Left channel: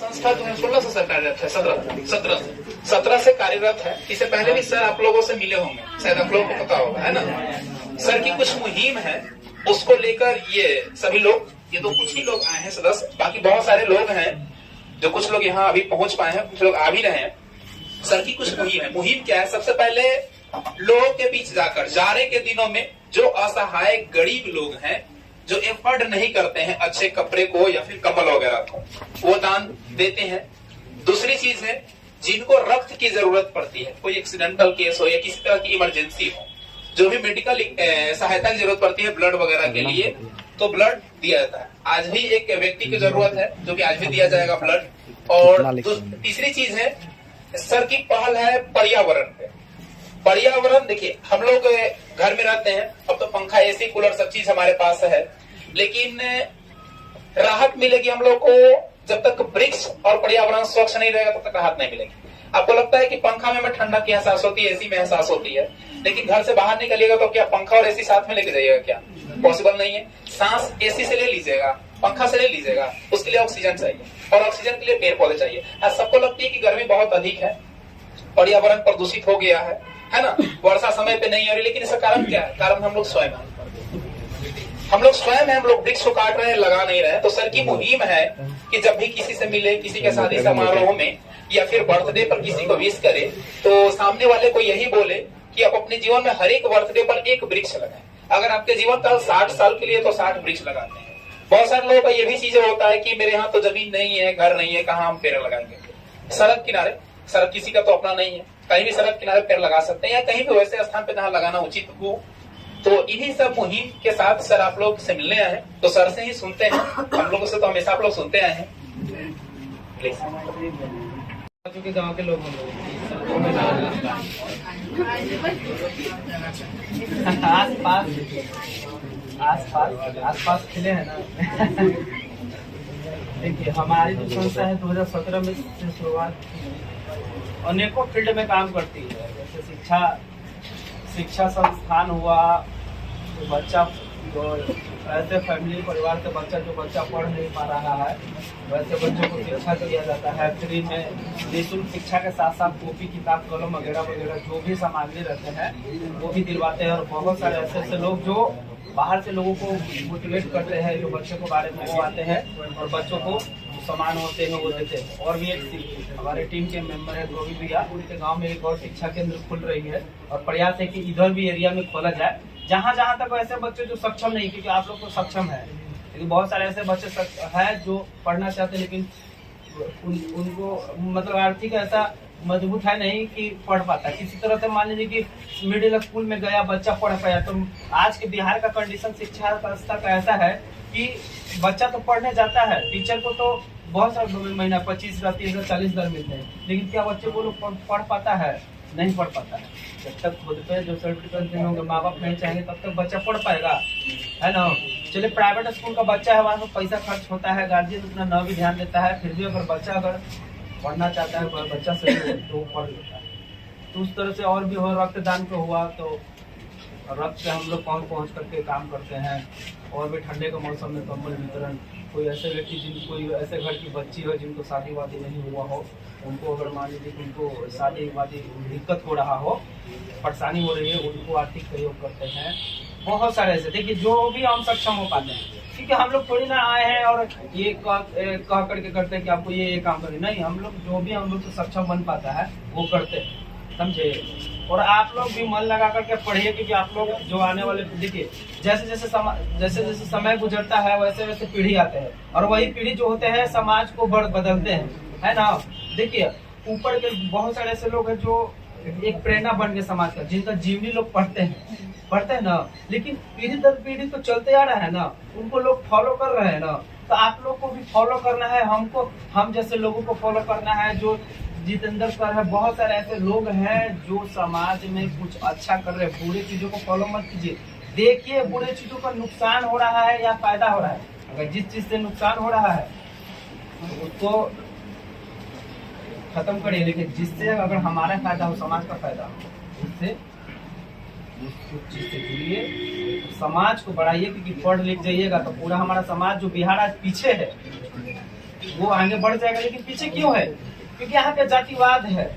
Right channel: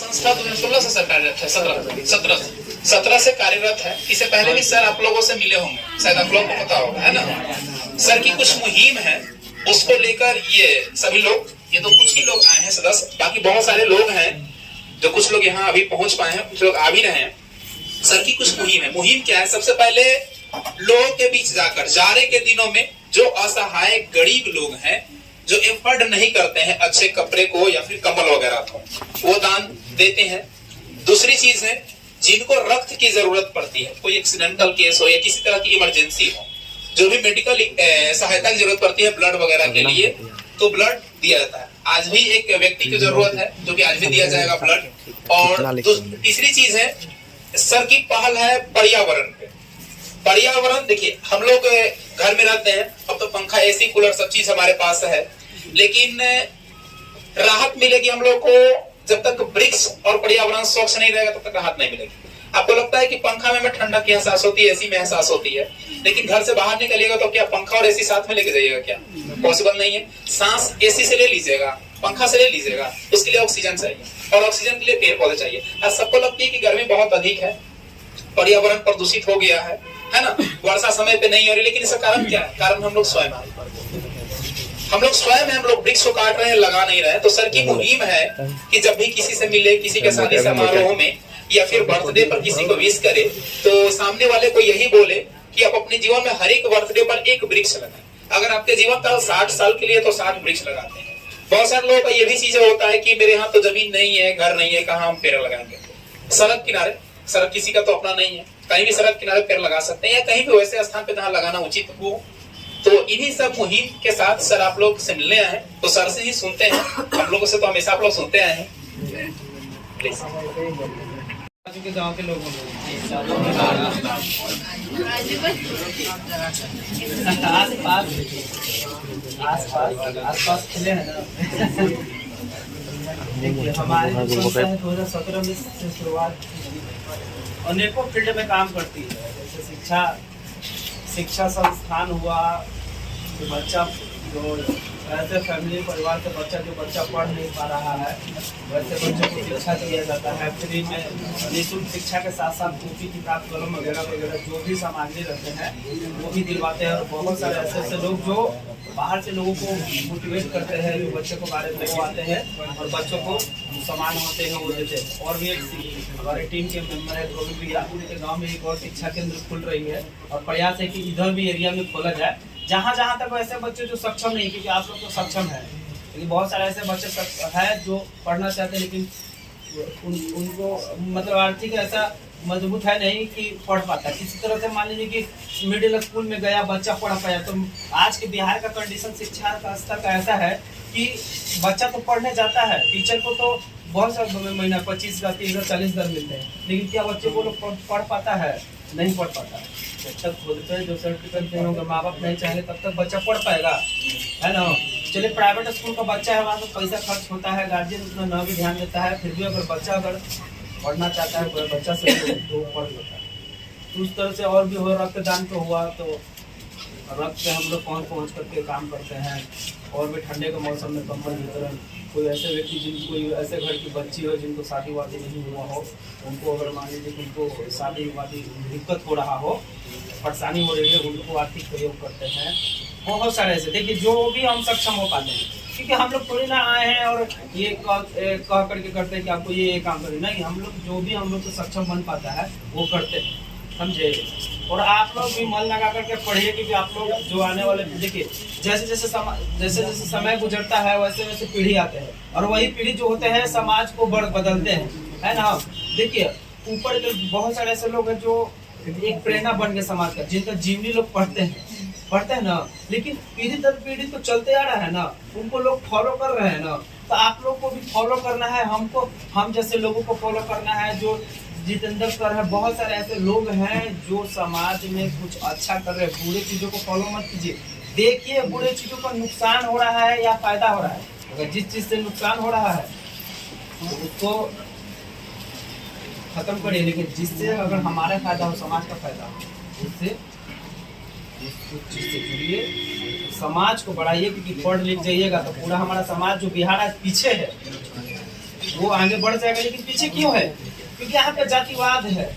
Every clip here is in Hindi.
संस्था 2016 से सर कार्यरत है, 17 से कार्यरत है। इससे पहले भी सर आप लोगों से मिले होंगे, शायद आप लोगों को पता होगा, है ना। सर की कुछ मुहिम है, उसको लेकर ये सभी लोग, ये तो कुछ ही लोग आए हैं सदस्य, बाकी बहुत सारे लोग हैं जो कुछ लोग यहाँ अभी पहुंच पाए हैं, कुछ लोग आ भी रहे हैं। सर की कुछ मुहिम है। मुहिम क्या है? सबसे पहले लोगों के बीच जाकर, जाड़े के दिनों में जो असहाय गरीब लोग हैं, जो एफर्ड नहीं करते हैं अच्छे कपड़े को या फिर कम्बल वगैरह को, वो दान देते हैं। दूसरी चीज है, जिनको रक्त की जरूरत पड़ती है, कोई एक्सीडेंटल केस हो या किसी तरह की इमरजेंसी हो, जो भी मेडिकल सहायता की जरूरत पड़ती है ब्लड वगैरह के लिए, तो ब्लड दिया जाता है। आज भी एक व्यक्ति की जरूरत है जो कि आज भी दिया जाएगा ब्लड। और तीसरी चीज है, सर की पहल है पर्यावरण पे। पर्यावरण देखिए, हम लोग घर में रहते हैं, अब तो पंखा, एसी, कूलर सब चीज हमारे पास है, लेकिन राहत मिलेगी हम लोग को जब तक वृक्ष और पर्यावरण स्वच्छ नहीं रहेगा, तब तक राहत नहीं मिलेगी। आपको लगता है कि पंखा में ठंडक की एहसास होती है, एसी में एहसास होती है, लेकिन घर से बाहर निकलिएगा तो क्या पंखा और एसी साथ में लेके जाइएगा? क्या पॉसिबल नहीं है। सांस एसी से ले लीजिएगा, पंखा से ले लीजिएगा, उसके लिए ऑक्सीजन चाहिए, और ऑक्सीजन के लिए पेड़ पौधे चाहिए। आज सबको लगती है कि गर्मी बहुत अधिक है, पर्यावरण प्रदूषित हो गया है ना, वर्षा समय पे नहीं हो रही, लेकिन इसका कारण क्या है? कारण हम लोग स्वयं हैं। हम लोग वृक्ष को काट रहे हैं, लगा नहीं रहे हैं। तो सर की मुहिम है कि जब भी किसी से मिले, किसी के शादी समारोह में या फिर बर्थडे पर किसी को विश करे, तो सामने वाले को यही बोले कि आप अपने जीवन में हर एक बर्थडे पर एक वृक्ष लगाएं। अगर आपके जीवन काल 60 साल के लिए तो 60 वृक्ष लगाते हैं। बहुत सारे लोगों का ये भी चीज होता है कि मेरे यहाँ तो जमीन नहीं है, घर नहीं है, कहाँ हम पेड़ लगाएंगे? सड़क किनारे, सड़क किसी का तो अपना नहीं है, कहीं भी सड़क किनारे पेड़ लगा सकते हैं, या कहीं भी वैसे स्थान पे जहाँ लगाना उचित हो। तो इन्हीं सब मुहिम के साथ सर आप लोग से मिलने आए हैं, तो सर से ही सुनते हैं। हम लोगों से तो हमेशा आप लोग सुनते आए हैं। गाँव के लोग आस पास खिले हैं ना। देखिए, हमारी जो संस्था है 2017 में से शुरुआत, अनेकों फील्ड में काम करती है। जैसे शिक्षा संस्थान हुआ, तो बच्चा जो ऐसे फैमिली परिवार के जो बच्चा पढ़ नहीं पा रहा है, वैसे बच्चों को शिक्षा दिया जाता है फ्री में। निःशुल्क शिक्षा के साथ साथ कॉपी, किताब, कलम वगैरह जो भी सामग्री रहते हैं वो भी दिलवाते हैं। और बहुत सारे ऐसे लोग जो बाहर से लोगों को मोटिवेट करते हैं, जो बच्चों को बारे में वो आते हैं और बच्चों को सामान होते हैं वो देते हैं। और भी एक हमारे टीम के मेंबर है गोविंद भैया, उनके गांव में एक और शिक्षा केंद्र खुल रही है, और प्रयास है कि इधर भी एरिया में खोला जाए, जहाँ तक ऐसे बच्चे जो सक्षम नहीं, क्योंकि आप लोग तो सक्षम है, लेकिन बहुत सारे ऐसे बच्चे हैं जो पढ़ना चाहते हैं, लेकिन उनको मतलब आर्थिक ऐसा मजबूत है नहीं कि पढ़ पाता। किसी तरह से मान लीजिए कि मिडिल स्कूल में गया बच्चा पढ़ पाया। तो आज के बिहार का कंडीशन, शिक्षा का स्तर का ऐसा है कि बच्चा तो पढ़ने जाता है, टीचर को तो बहुत सारे महीना 25,000, 30,000, 40,000 मिलते हैं, लेकिन क्या बच्चे को लोग पढ़ पाता है? नहीं पढ़ पाता है। जब तक खुद पे जो सर्टिफिकेट देंगे होंगे, माँ बाप नहीं चाहेंगे, तब तक बच्चा पढ़ पाएगा, है ना। चलिए, प्राइवेट स्कूल का बच्चा है, वहाँ पर पैसा खर्च होता है, गार्जियन उतना न भी ध्यान देता है, फिर भी अगर बच्चा पढ़ना चाहता है, बच्चा से तो पढ़ लेता है। तो उस तरह से और भी हो, रक्तदान तो हुआ, तो रक्त से हम लोग पहुँच करके काम करते हैं। और भी ठंडे के मौसम में कंबल वितरण, कोई ऐसे व्यक्ति कोई ऐसे घर की बच्ची हो जिनको शादी वादी नहीं हुआ हो, उनको अगर मान लीजिए कि उनको शादी वादी दिक्कत हो रहा हो, परेशानी हो रही है, उनको आर्थिक सहयोग करते हैं। बहुत सारे ऐसे, देखिए, जो भी हम सक्षम हो पाते हैं, क्योंकि हम लोग थोड़ी ना आए हैं और ये कह करके करते हैं कि आपको ये काम करें, नहीं। हम लोग जो भी हम लोग को सक्षम बन पाता है वो करते हैं, समझे। और आप लोग भी मन लगा करके पढ़िए, क्योंकि आप लोग जो आने वाले पीढ़ी के जैसे जैसे समय गुजरता है, वैसे वैसे पीढ़ी आते हैं, और वही पीढ़ी जो होते हैं समाज को बदलते हैं, है ना। देखिए, ऊपर के बहुत सारे ऐसे लोग हैं जो एक प्रेरणा बन गए समाज का, जिनका जीवनी लोग पढ़ते हैं ना, लेकिन पीढ़ी दर पीढ़ी तो चलते आ रहा है ना, उनको लोग फॉलो कर रहे हैं ना। तो आप लोग को भी फॉलो करना है, हम जैसे लोगों को फॉलो करना है, जो जितेंद्र सर है, बहुत सारे ऐसे लोग हैं जो समाज में कुछ अच्छा कर रहे हैं। बुरे चीजों को फॉलो मत कीजिए, देखिए बुरे चीजों का नुकसान हो रहा है या फायदा हो रहा है। अगर जिस चीज से नुकसान हो रहा है तो उसको खत्म करिए, लेकिन जिससे अगर हमारा फायदा हो, समाज का फायदा हो, उससे उस चीज से जुड़िए, समाज को बढ़ाइए। क्योंकि पढ़ लिख जाइएगा तो पूरा हमारा समाज, जो बिहार आज पीछे है, वो आगे बढ़ जाएगा। लेकिन पीछे क्यों है? क्योंकि यहाँ पे जातिवाद है,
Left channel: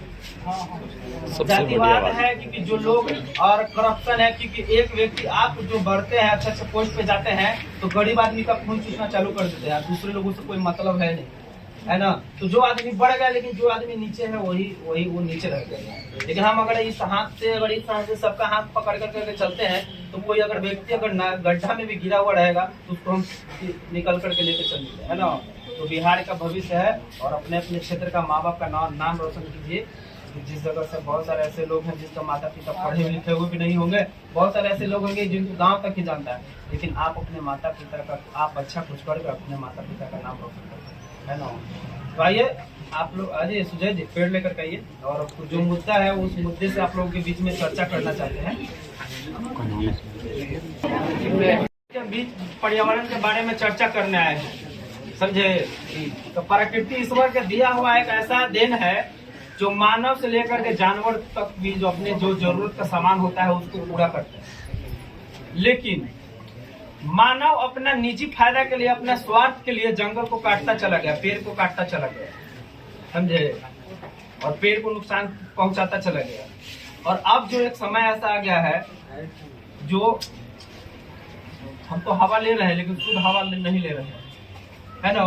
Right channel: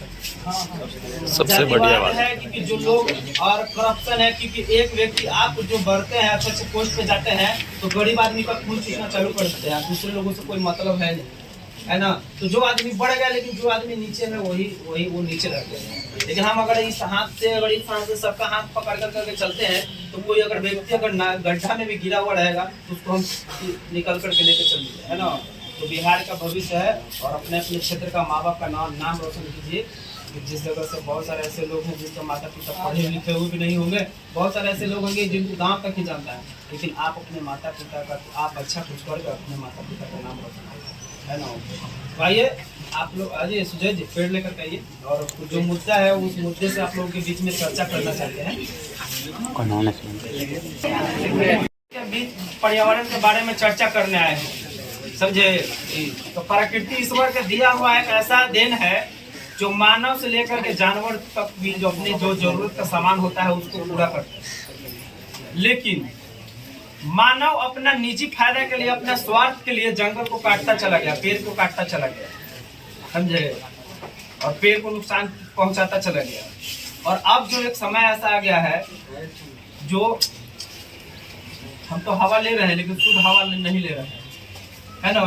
सबसे बढ़िया बात है क्योंकि जो लोग और करप्शन है। क्योंकि एक व्यक्ति आप जो बढ़ते हैं अच्छे अच्छे पोस्ट पे जाते हैं तो गरीब आदमी का खून चूसना चालू कर देते हैं, दूसरे लोगों से कोई मतलब है नहीं, है ना। तो जो आदमी बढ़ गया लेकिन जो आदमी नीचे है वही वो नीचे रह गया। लेकिन हम अगर इस हाथ से सबका हाथ पकड़ करके चलते हैं तो कोई अगर व्यक्ति अगर गड्ढा में भी गिरा हुआ रहेगा तो उसको हम निकल करके लेके चलेंगे, है ना। तो बिहार का भविष्य है और अपने अपने क्षेत्र का माँ बाप का नाम रोशन कीजिए। जिस जगह से बहुत सारे ऐसे लोग हैं जिसका माता पिता पढ़े लिखे हुए भी नहीं होंगे, बहुत सारे ऐसे लोग होंगे जिनको गांव तक ही जानता है, लेकिन आप अपने माता पिता का आप अच्छा कुछ करके अपने माता पिता का नाम रोशन करें, है ना। तो आइए आप लोग आइए सुजय जी पेड़ लेकर आइए और जो मुद्दा है उस मुद्दे से आप लोगों के बीच में चर्चा करना चाहते हैं। बीच पर्यावरण के बारे में चर्चा करने आए हैं, समझे। तो प्रकृति ईश्वर का दिया हुआ एक ऐसा देन है जो मानव से लेकर के जानवर तक भी जो अपने जो जरूरत का सामान होता है उसको पूरा करता है। लेकिन मानव अपना निजी फायदा के लिए, अपना स्वार्थ के लिए जंगल को काटता चला गया, पेड़ को काटता चला गया, समझे, और पेड़ को नुकसान पहुंचाता चला गया। और अब जो एक समय ऐसा आ गया है जो हम तो हवा ले रहे हैं लेकिन शुद्ध हवा नहीं ले रहे हैं, है ना।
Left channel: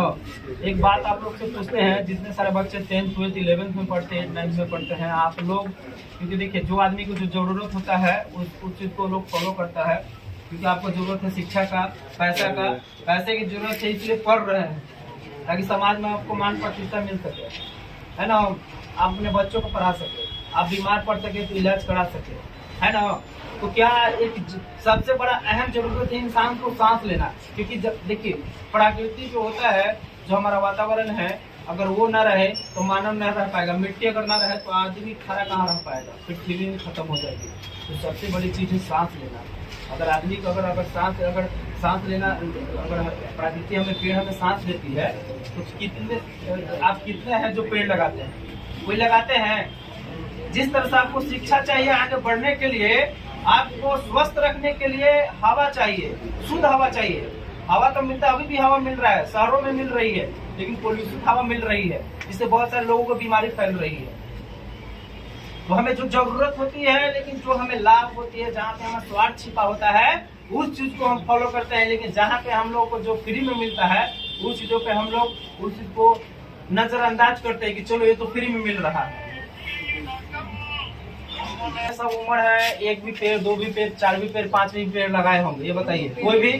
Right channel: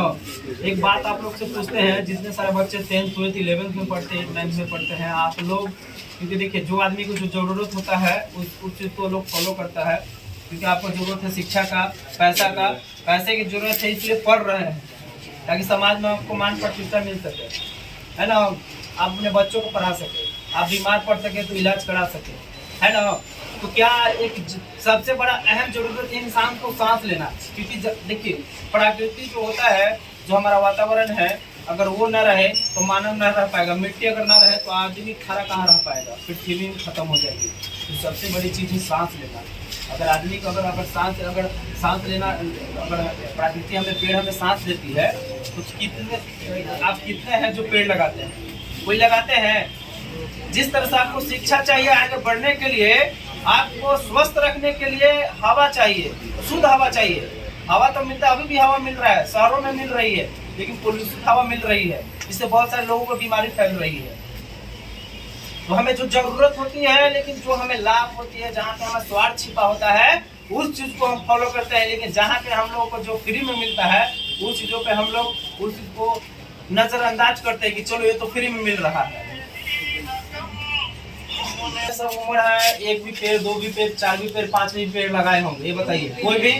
एक बात आप लोग से पूछते हैं, जितने सारे बच्चे 10th 12th 11th में पढ़ते हैं, 9th में पढ़ते हैं, आप लोग, क्योंकि देखिए जो आदमी को जो जरूरत होता है उस चीज को लोग फॉलो करता है, क्योंकि आपको जरूरत है शिक्षा का, पैसे की जरूरत है, इसलिए पढ़ रहे हैं ताकि समाज में आपको मान प्रतिष्ठा मिल सके, है ना। आप अपने बच्चों को पढ़ा सके, आप बीमार पड़ सके तो इलाज करा सके, है ना। तो क्या एक सबसे बड़ा अहम जरूरत है इंसान को सांस लेना, क्योंकि देखिए प्रकृति जो होता है, जो हमारा वातावरण है, अगर वो न रहे तो मानव न रह पाएगा। मिट्टी अगर ना रहे तो आदमी खड़ा कहाँ रह पाएगा, पृथ्वी में खत्म हो जाएगी। तो सबसे बड़ी चीज़ है सांस लेना। अगर आदमी को अगर सांस लेना, अगर प्रकृति हमें पेड़ हमें सांस देती है तो आप कितने हैं जो पेड़ लगाते हैं? कोई लगाते हैं। जिस तरह से आपको शिक्षा चाहिए आगे बढ़ने के लिए, आपको स्वस्थ रखने के लिए हवा चाहिए, शुद्ध हवा चाहिए। हवा तो मिलता है, अभी भी हवा मिल रहा है, शहरों में मिल रही है, लेकिन पोल्यूशन हवा मिल रही है, इससे बहुत सारे लोगों को बीमारी फैल रही है। तो हमें जो जरूरत होती है, लेकिन जो हमें लाभ होती है, जहाँ पे हमें स्वार्थ छिपा होता है, उस चीज को हम फॉलो करते हैं। लेकिन जहाँ पे हम लोग को जो फ्री में मिलता है, उस चीजों पे हम लोग उस चीज को नजरअंदाज करते हैं कि चलो ये तो फ्री में मिल रहा है। सब उम्र है, एक भी पेड़, दो भी पेड़, चार भी पेड़, पांच भी पेड़ लगाए होंगे, ये बताइए कोई भी?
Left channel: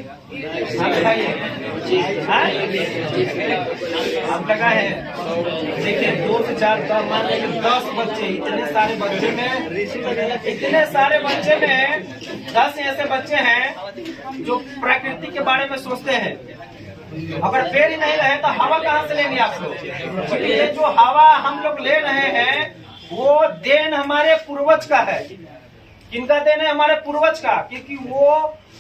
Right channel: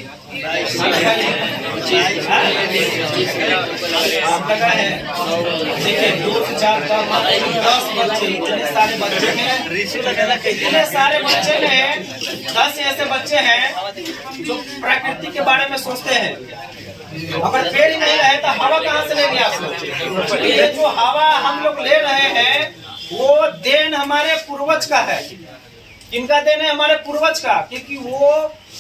आप लगाए हैं? देखिए 2 से 4 10 बच्चे, इतने सारे बच्चे में 10 ऐसे बच्चे हैं जो प्रकृति के बारे में सोचते हैं। अगर पेड़ ही नहीं रहे तो हवा कहाँ से लेंगे आप लोग? ये जो हवा हम लोग ले रहे हैं वो देन हमारे पूर्वज का है। किनका देन है? हमारे पूर्वज का। क्योंकि वो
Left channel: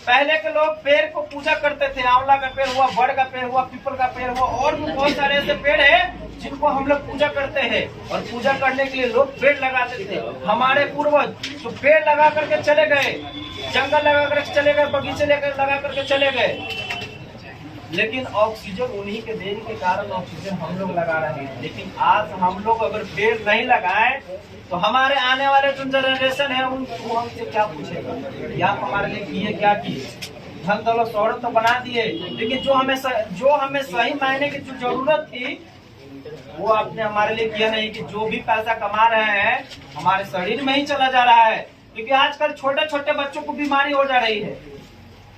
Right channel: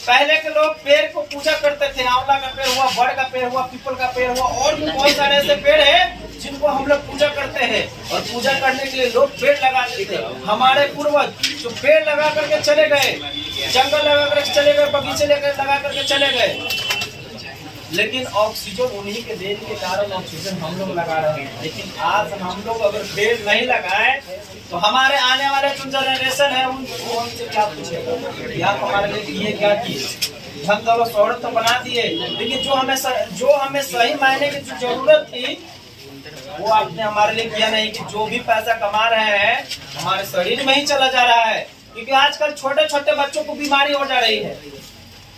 पहले के लोग पेड़ को पूजा करते थे। आंवला का पेड़ हुआ, बड़ का पेड़ हुआ, पीपल का पेड़ हुआ, और भी बहुत सारे ऐसे पेड़ हैं जिनको हम लोग पूजा करते हैं। और पूजा करने के लिए लोग पेड़ लगाते थे। हमारे पूर्वज जो पेड़ लगा करके चले गए, जंगल लगा करके चले गए, बगीचे लेकर लगा करके चले गए, लेकिन ऑक्सीजन उन्हीं के देने के कारण ऑक्सीजन हम लोग लगा रहे हैं। लेकिन आज हम लोग अगर पेड़ नहीं लगाए तो हमारे आने वाले जो जनरेशन है उनको हमसे क्या पूछेगा, या हमारे लिए किए क्या किए, धन दौलत शोहरत तो बना दिए, लेकिन जो हमें सही मायने की जो जरूरत थी वो आपने हमारे लिए किया नहीं। कि जो भी पैसा कमा रहे हैं हमारे शरीर में ही चला जा रहा है। क्योंकि आजकल छोटे छोटे बच्चों को बीमारी हो जा रही है।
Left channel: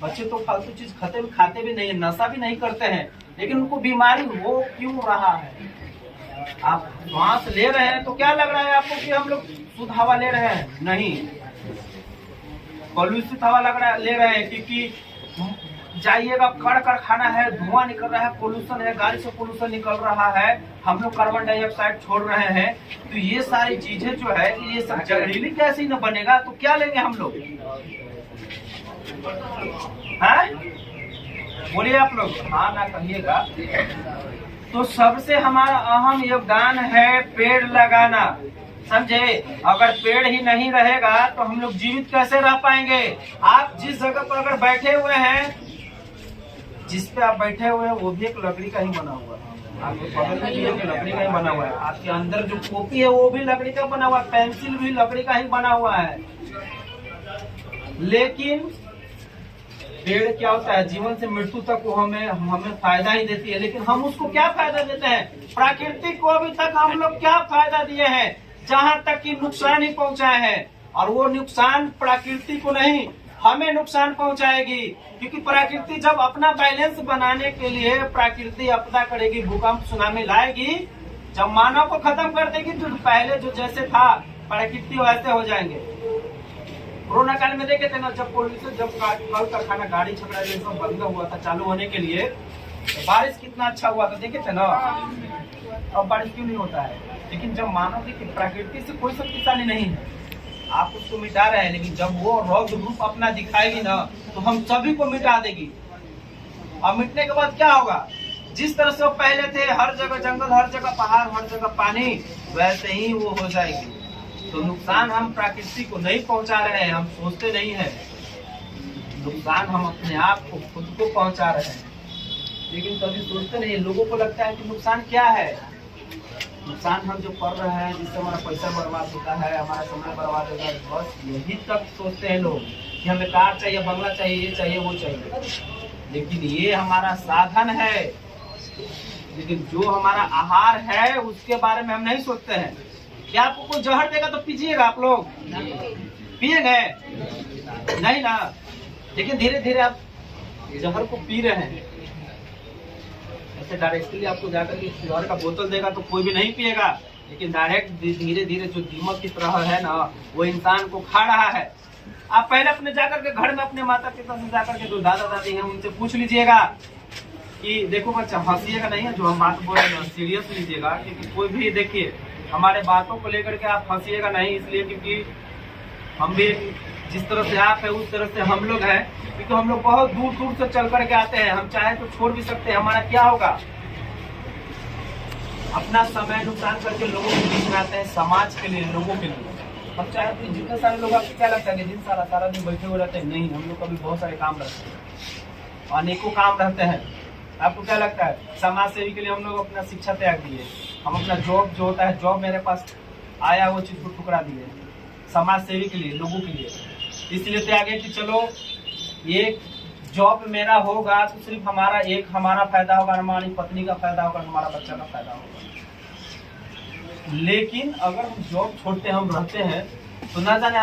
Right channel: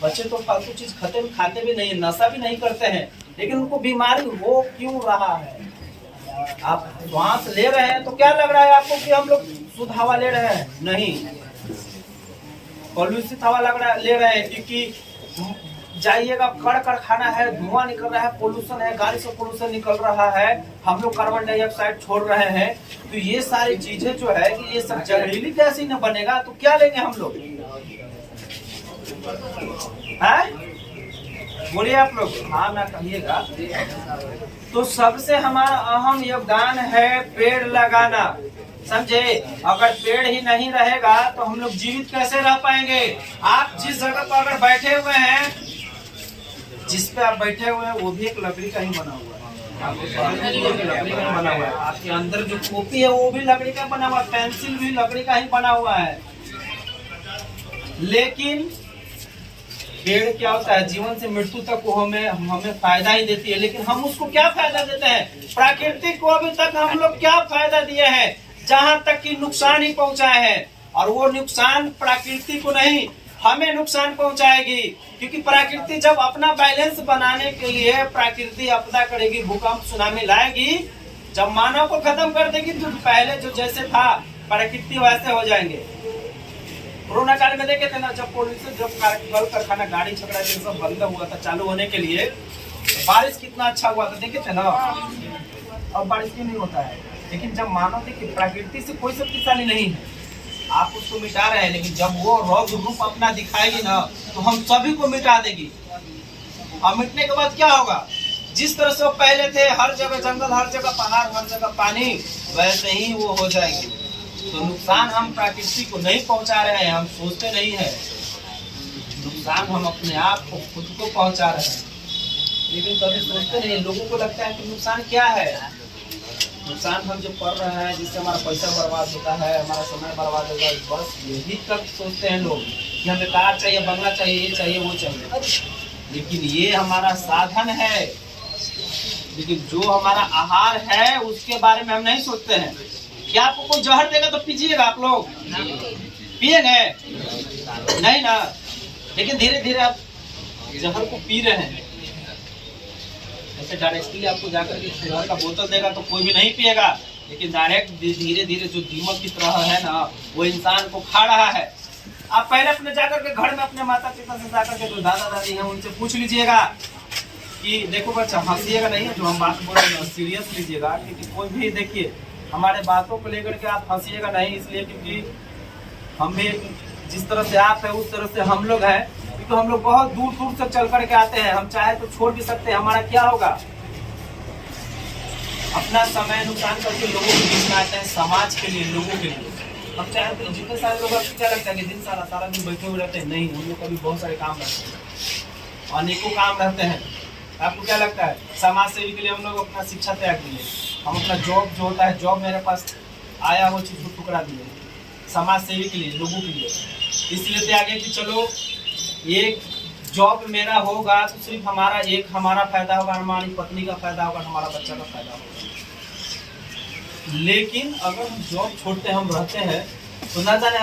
बच्चे तो फालतू चीज खाते भी नहीं है, नशा भी नहीं करते हैं, लेकिन उनको बीमारी हो क्यों रहा है? आप श्वास ले रहे हैं तो क्या लग रहा है आपको कि हम लोग शुद्ध हवा ले रहे हैं? नहीं, पॉल्यूशित हवा ले रहे हैं। क्योंकि जाइएगा, कड़ कारखाना है, धुआं निकल रहा है, पोल्यूशन है, गाड़ी से पोल्यूशन निकल रहा है, हम लोग कार्बन डाइऑक्साइड छोड़ रहे हैं। तो ये सारी चीजें जो है कि ये सब जहरीली गैस ही न बनेगा तो क्या लेंगे हम लोग? बोलिए आप लोग, हाँ ना कहिएगा। तो सबसे हमारा अहम योगदान है पेड़ लगाना, समझे। अगर पेड़ ही नहीं रहेगा तो हम लोग जीवित कैसे रह पाएंगे? आप जिस जगह पर अगर बैठे हुए हैं, जिस पे आप बैठे हुए हैं वो भी एक लकड़ी का ही बना हुआ है। लकड़ी का ही बना हुआ है। आपके अंदर जो कॉपी है वो भी लकड़ी का बना हुआ है, पेंसिल भी लकड़ी का ही बना हुआ है। लेकिन पेड़ क्या होता है, जीवन से मृत्यु तक वो हमें फायदा ही देती है, लेकिन हम उसको क्या फायदा देते हैं? प्रकृति को अभी तक हम लोग क्या फायदा दिए हैं? जहां तक कि नुकसान ही पहुंचाए हैं, और वो नुकसान प्रकृति को नहीं हमें नुकसान पहुंचाएगी। क्योंकि प्रकृति जब अपना बैलेंस बनाने के लिए प्रकृति आपदा करेगी, भूकंप सुनामी लाएगी, जब मानव को खत्म कर देगी तो पहले जो जैसे था प्रकृति वैसे हो जाएंगे। कोरोना काल में देखे थे ना, जब पोल्यूशन, जब कल कारखाना, गाड़ी छकड़ा सब बंद हुआ था चालू होने के लिए, तो बारिश कितना अच्छा हुआ था, देखे थे ना। अब बारिश क्यों नहीं होता है? लेकिन जब मानव देखिए प्रकृति से कोई शक्तिशाली नहीं है, आप उसको मिटा रहे हैं, लेकिन जब वो रौद्र रूप अपना दिखाएगी ना तो हम सभी को मिटा देगी। और मिटने के बाद क्या होगा? जिस तरह से वो पहले थे, हर जगह जंगल, हर जगह पहाड़, हर जगह पानी, वैसे ही वो हो जाएगी। तो नुकसान हम प्रकृति को नहीं पहुंचा रहे हैं, हम सोचते नहीं है, नुकसान हम अपने आप को, खुद को पहुंचा रहे हैं, लेकिन कभी सोचते नहीं। लोगों को लगता है कि नुकसान क्या है? नुकसान हम जो कर रहे हैं, जिससे हमारा पैसा बर्बाद होता है, हमारा समय बर्बाद होता है, बस यही तक सोचते हैं लोग कि हमें कार चाहिए, बंगला चाहिए, ये चाहिए, वो चाहिए। लेकिन ये हमारा साधन है, लेकिन जो हमारा आहार है उसके बारे में हम नहीं सोचते हैं। क्या आपको कोई जहर देगा तो पीजिएगा? आप लोग पिएंगे नहीं ना। लेकिन धीरे धीरे आप जहर को पी रहे हैं। ऐसे डायरेक्टली आपको जाकर के जहर का बोतल देगा तो कोई भी नहीं पिएगा, लेकिन डायरेक्ट धीरे धीरे जो दीमक की तरह है ना, वो इंसान को खा रहा है। आप पहले अपने जाकर के घर में अपने माता पिता से जाकर के जो दादा दादी हैं उनसे पूछ लीजिएगा कि देखो बच्चा, हंसिएगा नहीं है, जो हम बात बोल रहे हैं सीरियस लीजिएगा। क्योंकि कोई भी देखिए हमारे बातों को लेकर के आप हंसिएगा नहीं, इसलिए क्योंकि हम भी जिस तरह से आप है उस तरह से हम लोग हैं। क्योंकि हम लोग बहुत दूर दूर से चल करके आते हैं, हम चाहे तो छोड़ भी सकते हैं। हमारा क्या होगा? अपना समय नुकसान करके लोगों के बीच में आते हैं, समाज के लिए, लोगों के लिए। हम चाहे तो जितने सारे लोग, आपको क्या लगता है कि दिन सारा दिन बैठे हुए रहते हैं? नहीं, हम लोग का भी बहुत सारे काम रहते हैं, अनेकों काम रहते हैं। आपको क्या लगता है? समाज सेवी के लिए हम लोग अपना शिक्षा त्याग दिए, हम अपना जॉब जो होता है, जॉब मेरे पास आया वो चीज़ को ठुकरा दिए समाज सेवी के लिए, लोगों के लिए। इसलिए त्यागे कि चलो एक जॉब मेरा होगा तो सिर्फ हमारा फायदा होगा, हमारी पत्नी का फायदा होगा, हमारा बच्चा का फायदा होगा। लेकिन अगर हम जॉब छोड़ते हम रहते हैं तो ना जाने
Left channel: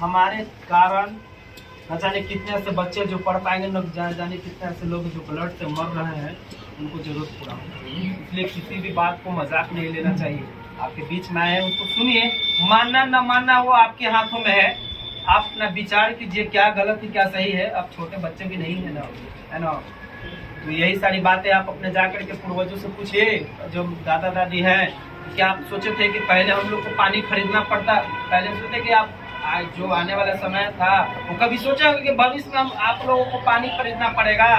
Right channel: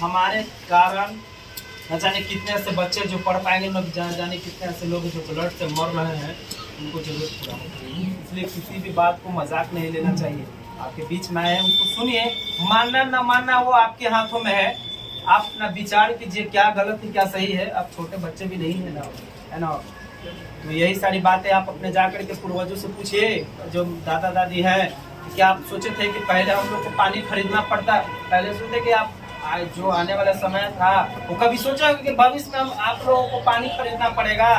हमारे कारण न जाने कितने ऐसे बच्चे जो पढ़ पाएंगे, न जाने कितने ऐसे लोग जो ब्लड से मर रहे हैं, उनको जरूरत पूरा होगी। इसलिए किसी भी बात को मजाक नहीं लेना चाहिए। आपके बीच में आए हैं उसको सुनिए, मानना न मानना वो आपके हाथों में है। आप अपना विचार कीजिए क्या गलत है क्या सही है। आप छोटे बच्चे भी नहीं है ना। तो यही सारी बातें आप अपने जाकर के पूर्वजों से पूछिए, जो दादा दादी हैं। क्या आप सोचे थे कि पहले हम लोग को पानी खरीदना पड़ता? पहले सोचे कि आप जो आने वाला समय था वो कभी सोचा कि भविष्य में आप लोगों को पानी खरीदना पड़ेगा?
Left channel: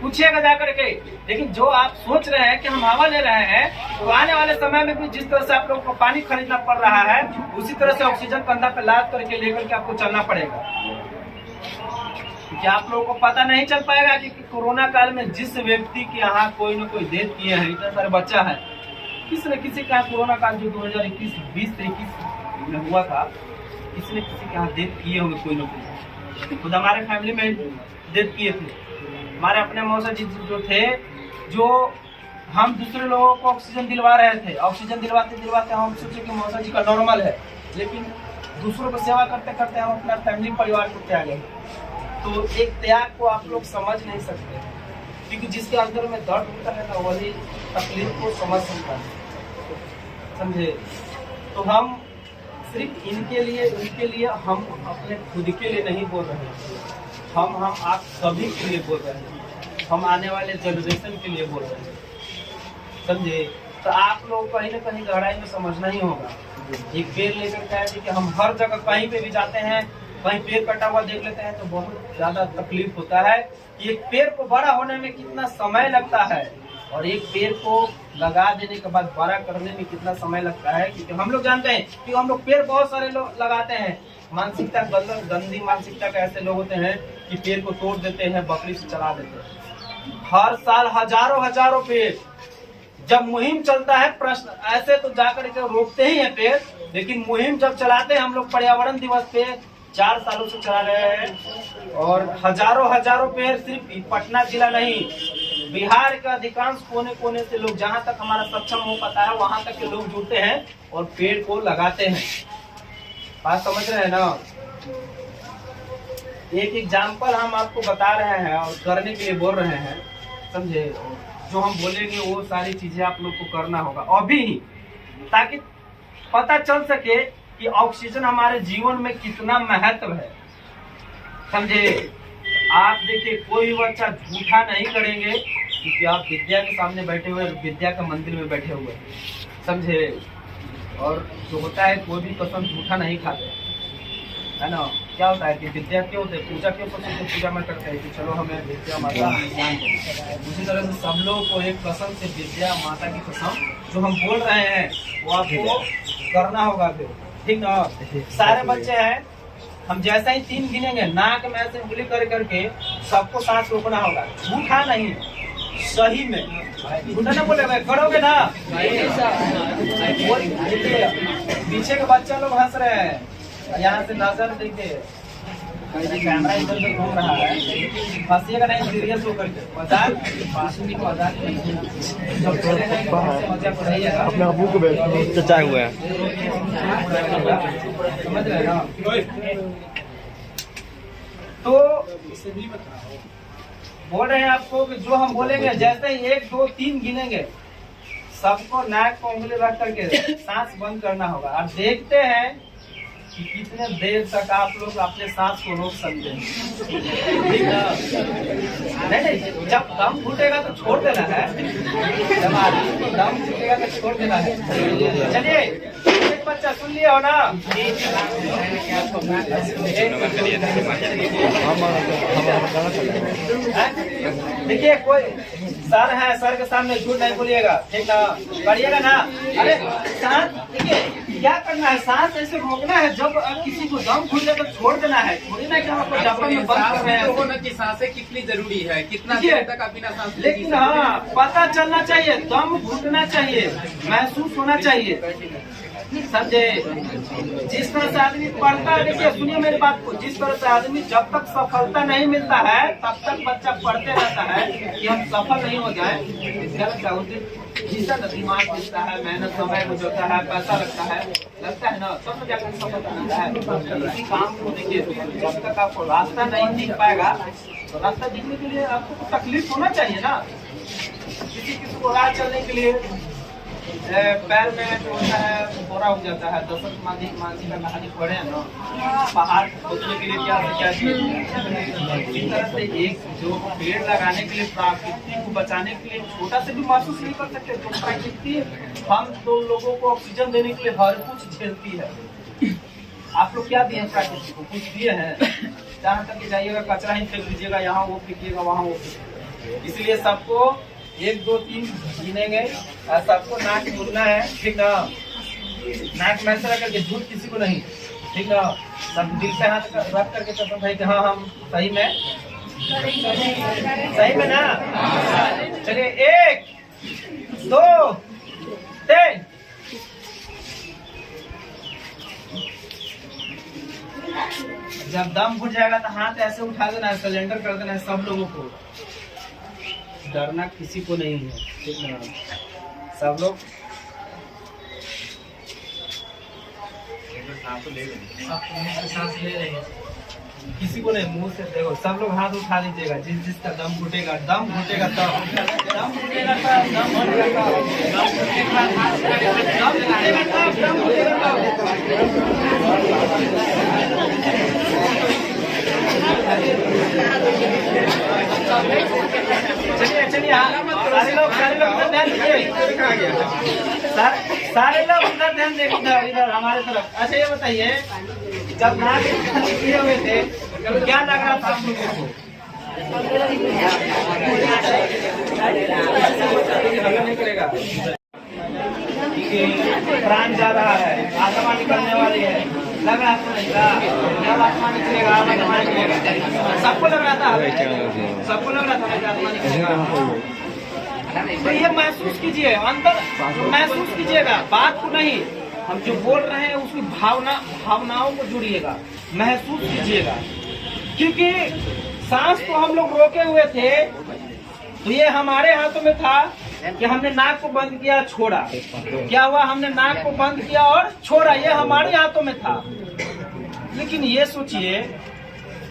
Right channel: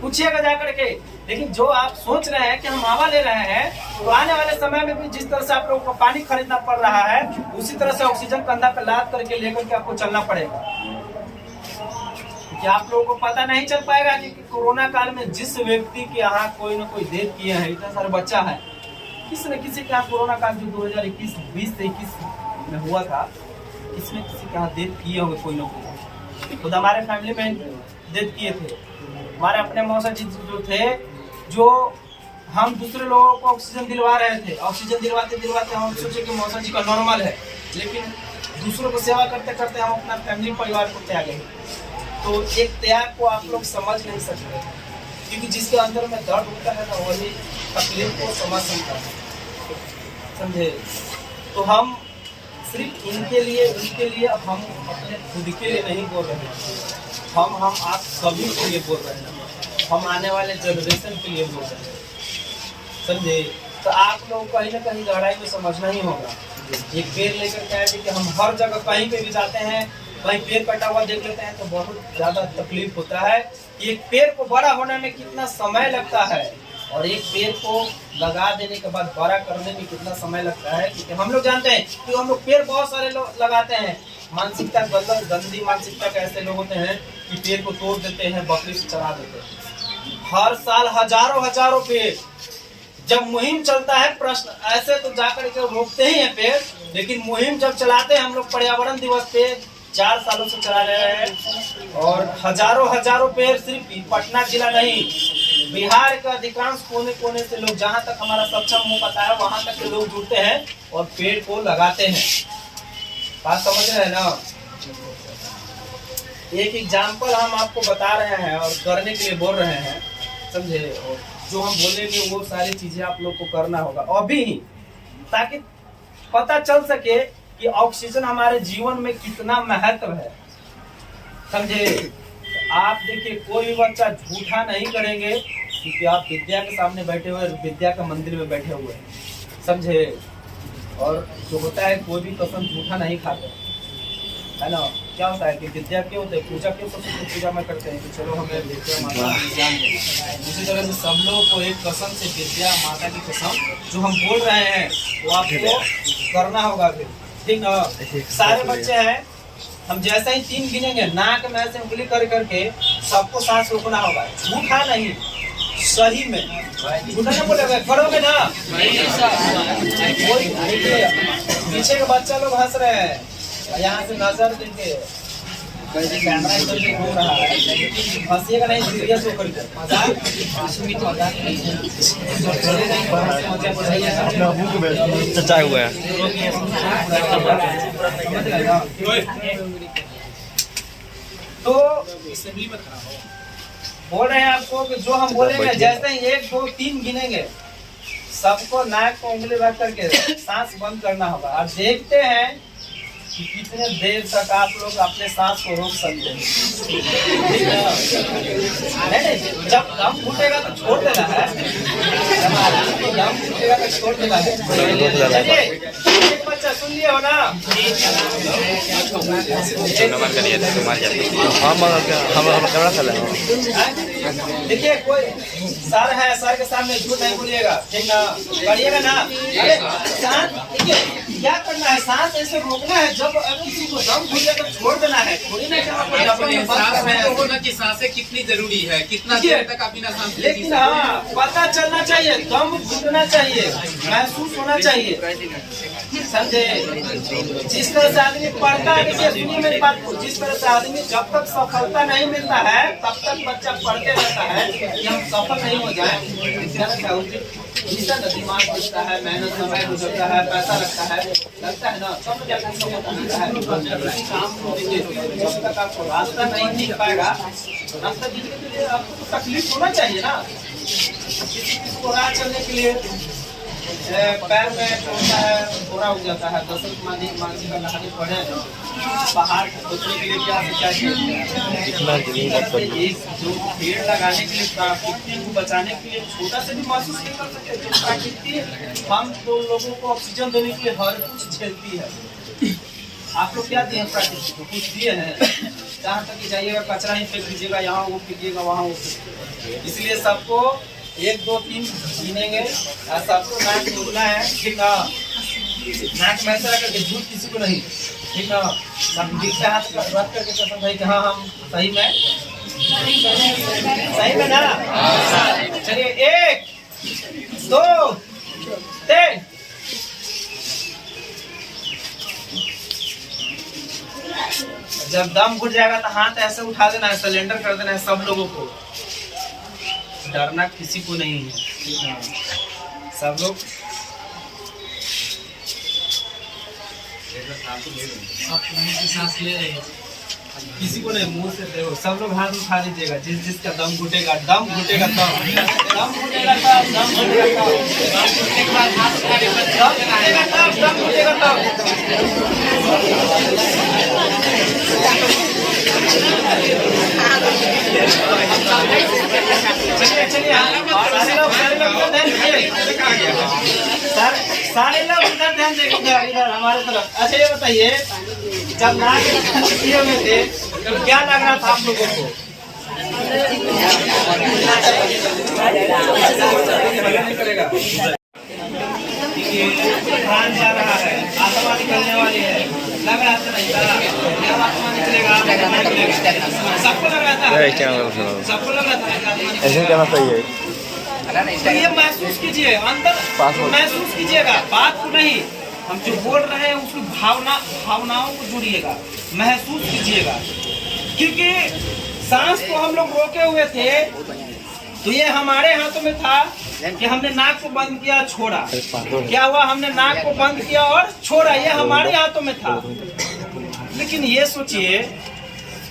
पूछिएगा जाकर के। लेकिन जो आप सोच रहे हैं कि हम हवा ले रहे हैं, तो आने वाले समय में भी जिस तरह से आप लोगों को पानी खरीदना पड़ रहा है, उसी तरह से ऑक्सीजन कंधा पे लाद करके लेकर के आपको चलना पड़ेगा। क्योंकि आप लोगों को पता नहीं चल पाएगा कि कोरोना काल में जिस व्यक्ति के यहाँ कोई न कोई डेथ किए हैं, इतने सारे बच्चा है, किसी न किसी के यहाँ कोरोना काल जो 2020 से 21 में हुआ था, किसी न किसी के यहाँ डेथ किए होंगे कोई न कोई। खुद हमारे फैमिली में डेथ किए थे। हमारे अपने मौसा जी जो थे, जो हम दूसरे लोगों को ऑक्सीजन दिलवा रहे थे, ऑक्सीजन दिलवाते दिलवाते हम सोचे कि मौसा जी का नॉर्मल है, लेकिन दूसरों को सेवा करते करते हम अपना फैमिली परिवार को त्यागे। तो एक त्याग को आप लोग समझ नहीं सकते, क्योंकि जिसके अंदर में दर्द होता है ना, वही तकलीफ को समझ सकता है, समझे। तो हम सिर्फ इनके लिए उनके लिए, हम अपने खुद के लिए नहीं बोल रहे हैं, हम आप सभी के लिए बोल रहे हैं, हम आने वाले जनरेशन के लिए बोल रहे हैं, समझे। तो आप लोग कहीं ना कहीं गहराई में समझना ही होगा। एक पेड़ लेकर के आए थे कि हम हर जगह कहीं पे भी जाते हैं, कहीं पेड़ कटा हुआ देख लेते हैं तो बहुत ज़्यादा तकलीफ होता है। एक पेड़ को बड़ा होने में कितना समय लगता है, और एक पेड़ को लगा देने के बाद बड़ा करने में कितना समय लगता है। क्योंकि हम लोग जानते हैं कि हम लोग पेड़ बहुत सारे लोग लगाते हैं। मानसिकता गंदी मानसिकता के ऐसे लोग होते हैं कि पेड़ को तोड़ देते हैं, बकरी से चला देते हैं। हर साल हजारों पेड़। जब मुहिम चलता है, प्रश्न ऐसे तो जाकर के रोकते ही हैं पेड़, लेकिन मुहिम जब चलाते हैं हम लोग पर्यावरण दिवस पे 4 सालों से चला रहे हैं, और हजारों पेड़ सिर्फ पटना जिला नहीं, बिहार का अधिकांश कोने कोने से लोग, जहां तक हमारा सक्षम हो पाता है वहां तक के लोग जुड़ते हैं और पेड़ को लगाते हैं। बात समझ रहे हैं ना? एक एग्जाम्पल हम आपको बता रहे हैं और करने के लिए बोल रहे हैं, समझे? और जो हम बोलेंगे वो सारी चीजें आप लोग को करना होगा अभी ही, ताकि पता चल सके कि ऑक्सीजन हमारे जीवन में कितना महत्व है, समझे? आप देखिए, कोई बच्चा झूठा नहीं करेंगे क्योंकि आप विद्या के सामने बैठे हुए, विद्या का मंदिर में बैठे हुए, समझे? और जो होता है कोई भी कसम झूठा नहीं खाते, है ना? क्या होता है कि विद्या क्यों होते हैं, पूजा क्यों करते हैं? पूजा में करते हैं कि चलो हमें विद्या माता ज्ञान दें। उसी तरह से सब लोग को एक कसम से विद्या माता की कसम जो हम बोल रहे हैं वो आपको करना होगा फिर, ठीक ना? सारे बच्चे हैं, हम जैसा ही 3 गिनेंगे, नाक में ऐसे उंगली कर करके सबको सांस रोकना होगा, झूठा नहीं, सही में। झूठा ना बोलेगा, करोगे ना? पीछे के बच्चा लोग हंस रहे हैं, यहाँ से नजर देखिए, कैमरा इधर से घूम रहा है, हंसिएगा नहीं, सीरियस होकर के। मजाक अपने अबू के चचा हुआ है। तो बोल रहे हैं आपको कि जो हम बोलेंगे, जैसे ही 1 2 3 गिनेंगे, सबको नाक को उंगली रख करके सांस बंद करना होगा, और देखते हैं कि कितने देर तक आप लोग अपने सांस को रोक सकते हैं। नहीं, जब दम घुटेगा तो छोड़ देना है, जब दम घुटेगा तो छोड़ देना है। चलिए, एक बच्चा सुन लिया हो ना? देखिए, कोई सर है, सर के सामने झूठ नहीं बोलिएगा, ठीक ना? करिएगा ना? अरे सांस, देखिए क्या करना है, सांस ऐसे रोकना है, जब किसी को दम घुटे तो छोड़ देना है, थोड़ी ना कि सांसें कितनी जरूरी है, कितना देर तक आप बिना सांस। लेकिन हाँ, पता चलना चाहिए, दम घुटना चाहिए, महसूस होना चाहिए, समझे? जिस तरह से आदमी पढ़ता है, देखिए सुनिए मेरी बात को, जिस तरह से आदमी जब तक सफलता नहीं मिलता है तब तक बच्चा पढ़ते रहता है कि हम सफल नहीं हो जाए, जिसका दिमाग दिखता है, मेहनत समय गुजरता है, पैसा लगता है ना, तब तो जाकर सफलता मिलता है। किसी काम को देखिए, जब तक आपको रास्ता नहीं दिख पाएगा, तो रास्ता दिखने के लिए आपको तो तकलीफ होना चाहिए ना। किसी को राह चलने के लिए पैर में जो होता है फोड़ा हो जाता है, दशरथ मांझी का कहानी पढ़े हैं ना, पहाड़ को खोदने के लिए क्या एक जो पेड़ लगाने के लिए, प्रकृति को बचाने के लिए छोटा से भी महसूस नहीं कर सकते, जो प्रकृति हम तो लोगों को ऑक्सीजन देने के लिए हर कुछ झेलती है। आप लोग क्या दिए हैं प्रकृति को? कुछ दिए हैं? जहाँ तक जाइएगा कचरा ही फेंक दीजिएगा, यहाँ वो फेंकिएगा, वहाँ वो फेंकिएगा। इसलिए सबको 1 2 3 गिनेंगे, सबको नाक खोलना है, ठीक ना? नाक में ऐसा करके, झूठ किसी को नहीं, ठीक ना? सब दिल से हाथ रख करके कसम भाई कि हाँ हम सही में ना? चलिए, 1 2 3। जब दम घुट जाएगा तो हाथ ऐसे उठा देना है, सरेंडर कर देना है सब लोगों को, डरना किसी को नहीं है, ठीक ना? सब लोग सांस ले रहे हैं, किसी को नहीं, मुंह से देखो, सब लोग हाथ उठा लीजिएगा, जिसका दम घुटेगा तब, चलिए सारे लोग उधर ध्यान दें, इधर हमारे तरफ। अच्छा, ये बताइए, जब नाक किए हुए थे तो क्या लग रहा था आप लोगों को? नहीं करेगा, प्राण जा रहा है, आत्मा निकलने वाली है, लग रहा था नहीं था, क्या आत्मा निकलेगा, आत्मा निकलेगा, सबको लग रहा था, क्या मतलब सबको लग रहा था ना कि आत्मा ऐसे निकलेगा। करना सही है। तो ये महसूस कीजिए, अंदर महसूस कीजिएगा, बात को नहीं, हम जो बोल रहे हैं उसकी भावनाओं को जुड़िएगा, महसूस कीजिएगा। क्योंकि सांस तो हम लोग रोके हुए थे, तो ये हमारे हाथों में था कि हमने नाक को बंद किया, छोड़ा। क्या हुआ, हमने नाक को बंद किया और छोड़ा, ये हमारे हाथों में था। लेकिन ये सोचिए